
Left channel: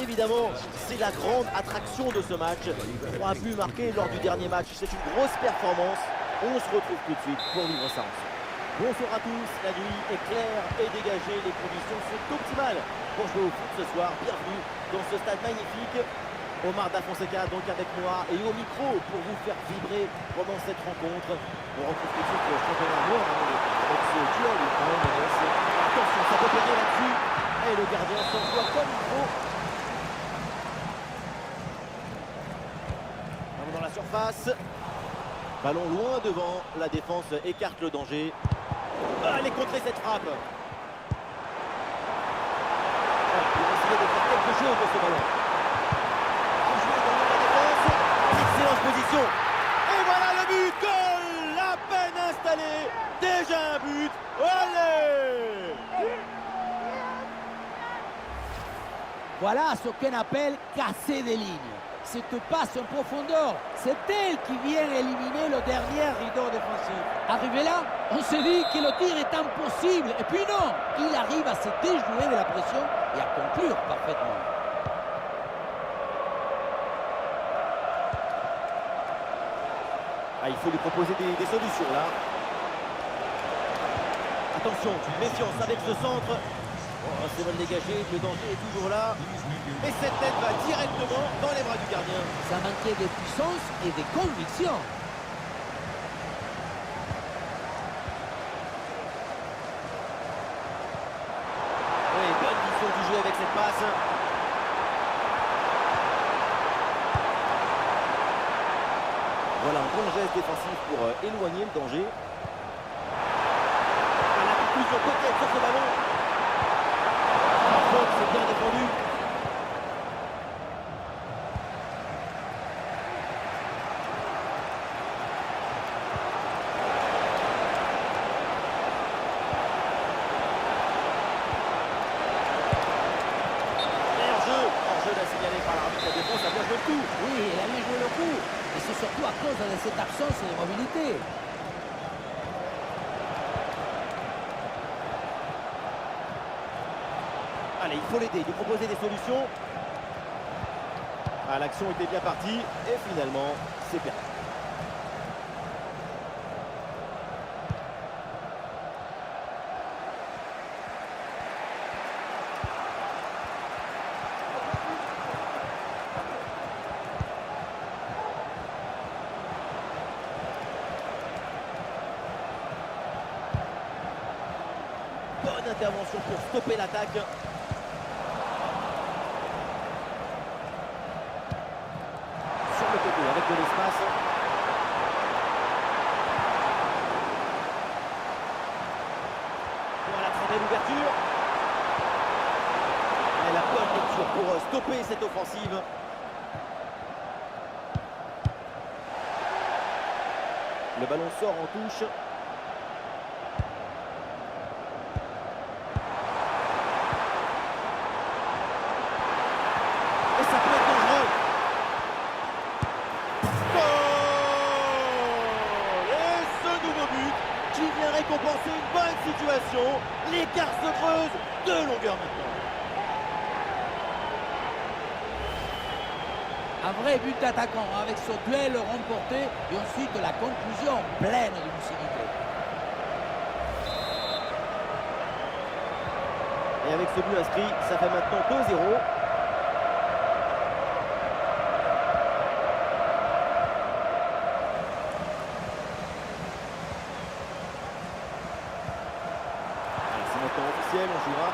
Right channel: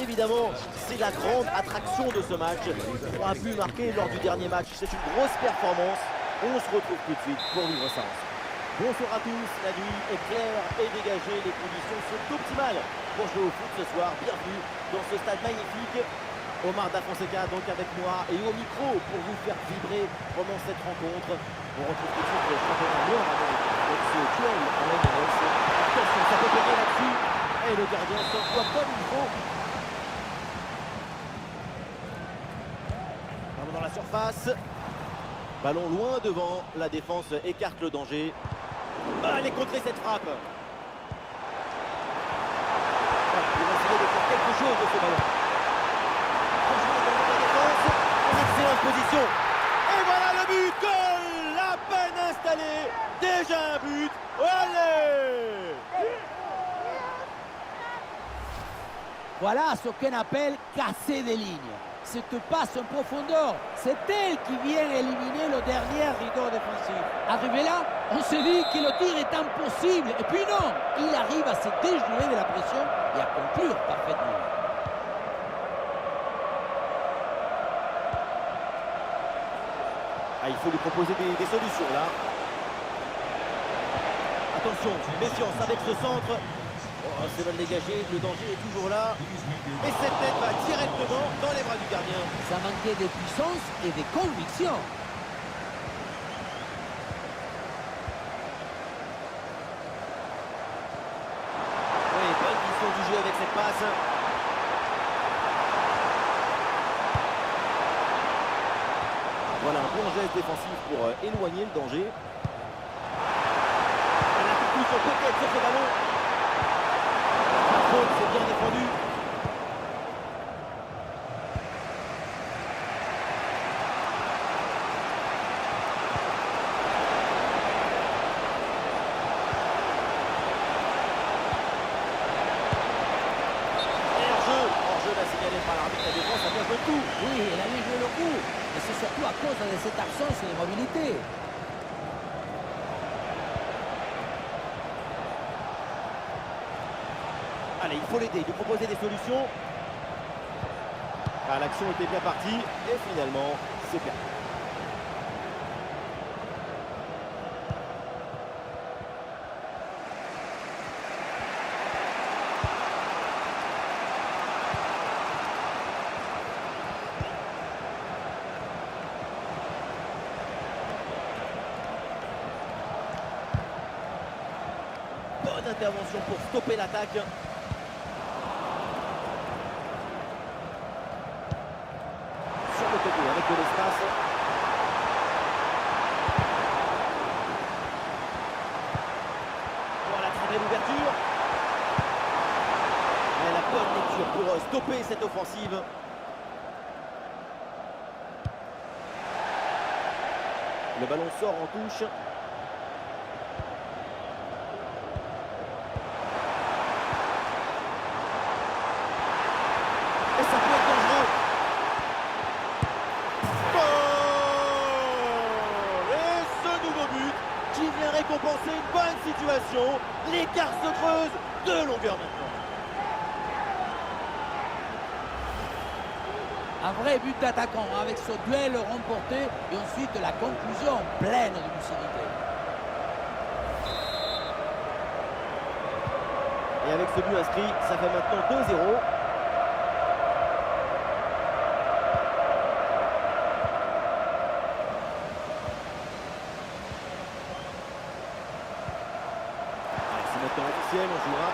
Évidemment, c'est la grande attraction de ce match. 3 buts marqués lors du dernier match, c'est une grosse performance. On se retrouve tout de suite pour vivre ça ensemble. Bonsoir à tous, la nuit est claire et dégagée, les conditions sont optimales pour jouer au foot ce soir. Bienvenue dans ce stade magnifique. Omar Da Fonseca donc avec moi et au micro pour vous faire vibrer pendant cette rencontre. On retrouve tout de suite le championnat nord-américain avec ce duel en MLS. Attention, ça peut payer là-dessus. Et le gardien s'envoie comme il faut. Ballon dans la surface. Ballon loin devant, la défense écarte le danger. Allez contrer cette frappe. Voilà, pour essayer de faire quelque chose de ce ballon. Rejoué dans la défense, en excellente position. Et voilà le but, goal, à peine installé, déjà un but. Allez! Voilà ce qu'on appelle casser des lignes. Cette passe en profondeur, c'est elle qui vient éliminer le dernier rideau défensif. Arrivé là, on se dit que le tir est impossible. Et puis non, il arrive à se déjouer de la pression et à conclure parfaitement. Ah, il faut lui proposer des solutions là. Attention, méfiance avec ce centre. Oh, c'est mal dégagé, le danger est toujours là. Et cette tête va directement dans les bras du gardien. Ça manquait de puissance et de conviction. Oui, bonne vision du jeu avec cette passe. Voilà un bon geste défensif pour éloigner le danger. La conclusion peut-être sur ce ballon. Par contre, c'est bien défendu. Hors-jeu là signalé par l'arbitre, la défense a bien joué le coup. Oui, elle a bien joué le coup. Mais c'est surtout à cause de cette absence de mobilité. Allez, il faut l'aider, lui proposer des solutions. Ah, l'action était bien partie et finalement, c'est perdu. d'intervention pour stopper l'attaque. Sur le côté avec de l'espace. Voilà, très belle ouverture. Et la bonne lecture pour stopper cette offensive. Le ballon sort en touche. Et ça peut être dangereux. Goal! Et ce nouveau but qui vient récompenser une bonne situation. L'écart se creuse de longueur maintenant. Un vrai but d'attaquant avec ce duel remporté et ensuite la conclusion pleine de lucidité. Et avec ce but inscrit, ça fait maintenant 2-0. C'est maintenant officiel, on jouera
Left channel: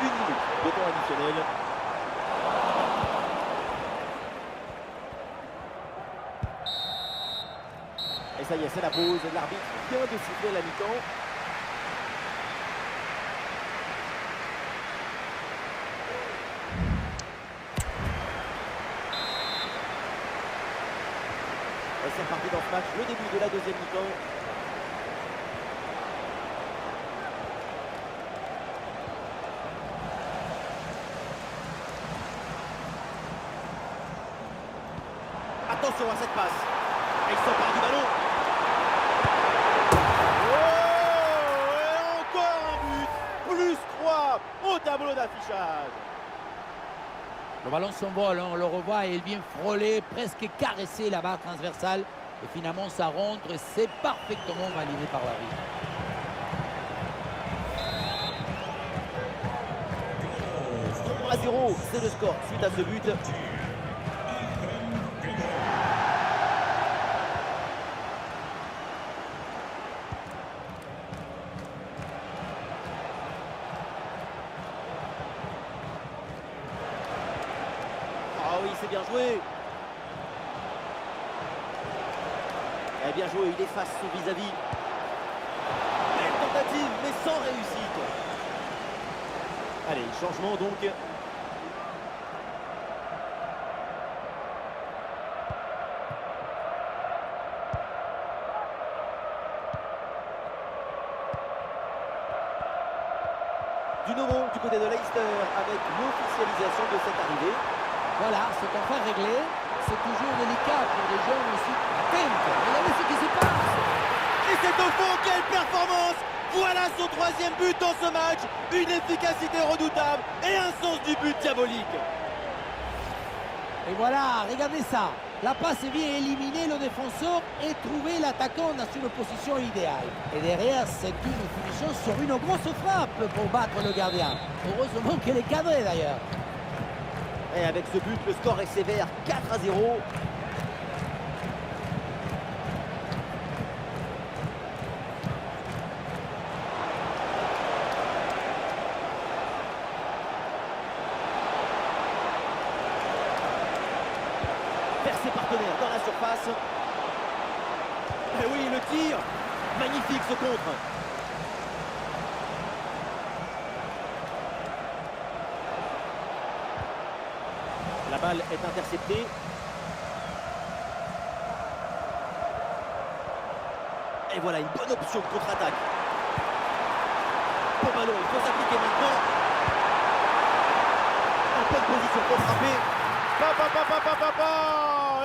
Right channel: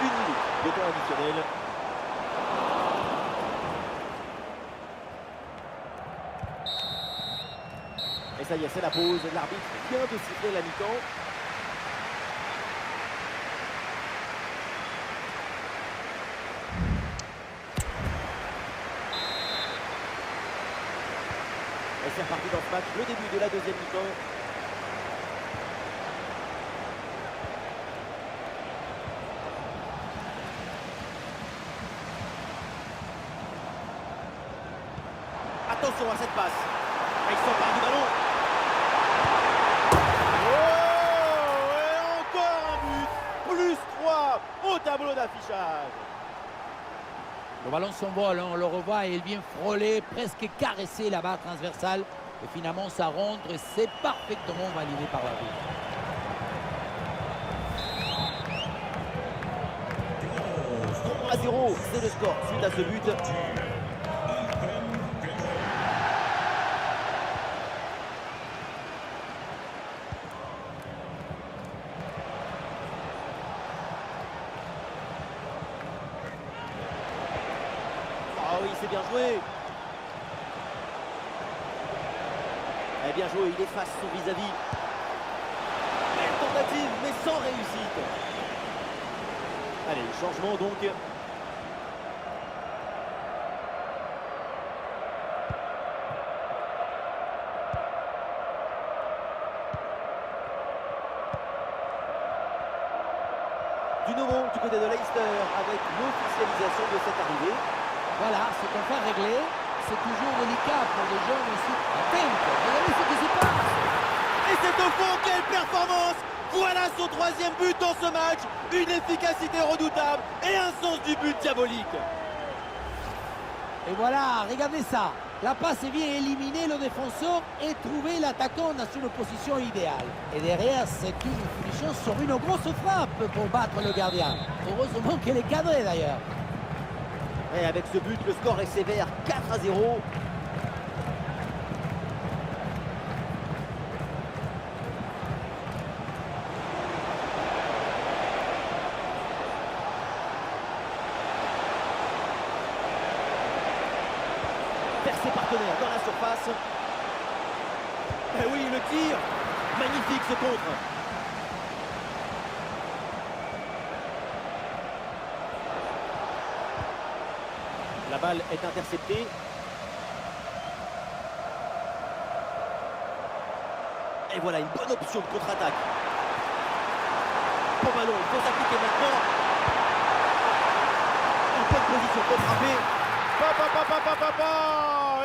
1 minute de temps additionnel. Et ça y est, c'est la pause. L'arbitre vient de siffler la mi-temps. Et c'est reparti dans ce match, le début de la deuxième mi-temps. Attention à cette passe. Et il s'empare du ballon. Oh, et encore un but. Plus 3 au tableau d'affichage. Le ballon s'envole, on le revoit et il vient frôler, presque caresser la barre transversale. Et finalement, ça rentre et c'est parfaitement validé par l'arbitre. À 0, c'est le score suite à ce but. Ah oui, c'est bien joué. Eh bien joué, il efface son vis-à-vis. Belle tentative, mais sans réussite. Allez, changement donc. Du nouveau du côté de Leicester avec l'officialisation de cette arrivée. Voilà, c'est enfin réglé. C'est toujours délicat pour des jeunes aussi. Attends, regardez ce qui se passe. Et c'est au fond, quelle performance! Voilà son 3e but dans ce match. Une efficacité redoutable et un sens du but diabolique. Et voilà, regardez ça. La passe vient éliminer le défenseur et trouver l'attaquant dans une position idéale. Et derrière, c'est une finition sur une grosse frappe pour battre le gardien. Heureusement qu'elle est cadrée d'ailleurs. Et avec ce but, le score est sévère, 4-0. Vers ses partenaires dans la surface. Et oui, le tir. Magnifique ce contre. La balle est interceptée. Et voilà une bonne option de contre-attaque. Bon ballon, il faut s'appliquer maintenant. En bonne position pour frapper.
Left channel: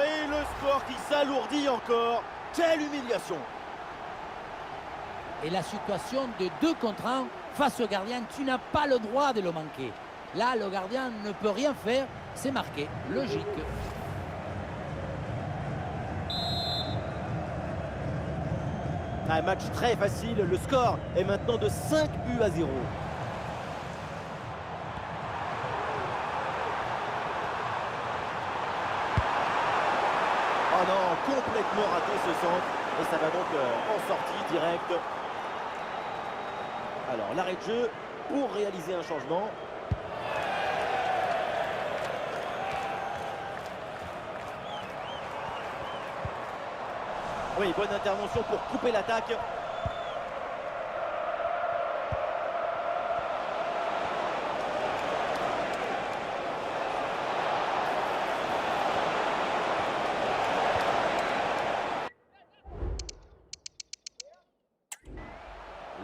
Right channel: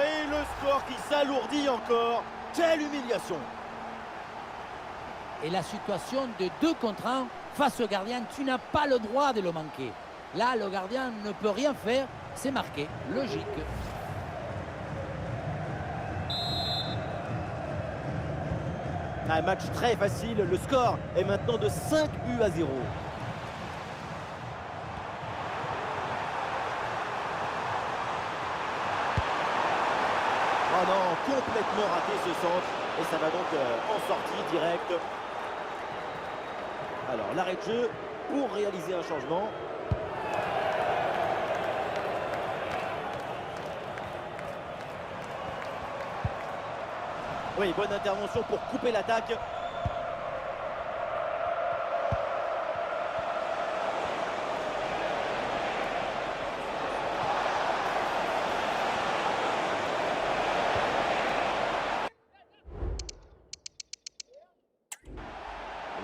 Et le score qui s'alourdit encore. Quelle humiliation. Et la situation de 2 contre 1 face au gardien, tu n'as pas le droit de le manquer. Là, le gardien ne peut rien faire, c'est marqué, logique. Un match très facile, le score est maintenant de 5-0. Oh non, complètement raté ce centre. Et ça va donc en sortie directe. Alors l'arrêt de jeu. pour réaliser un changement. Oui, bonne intervention pour couper l'attaque.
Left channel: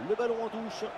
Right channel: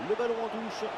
Le ballon en touche.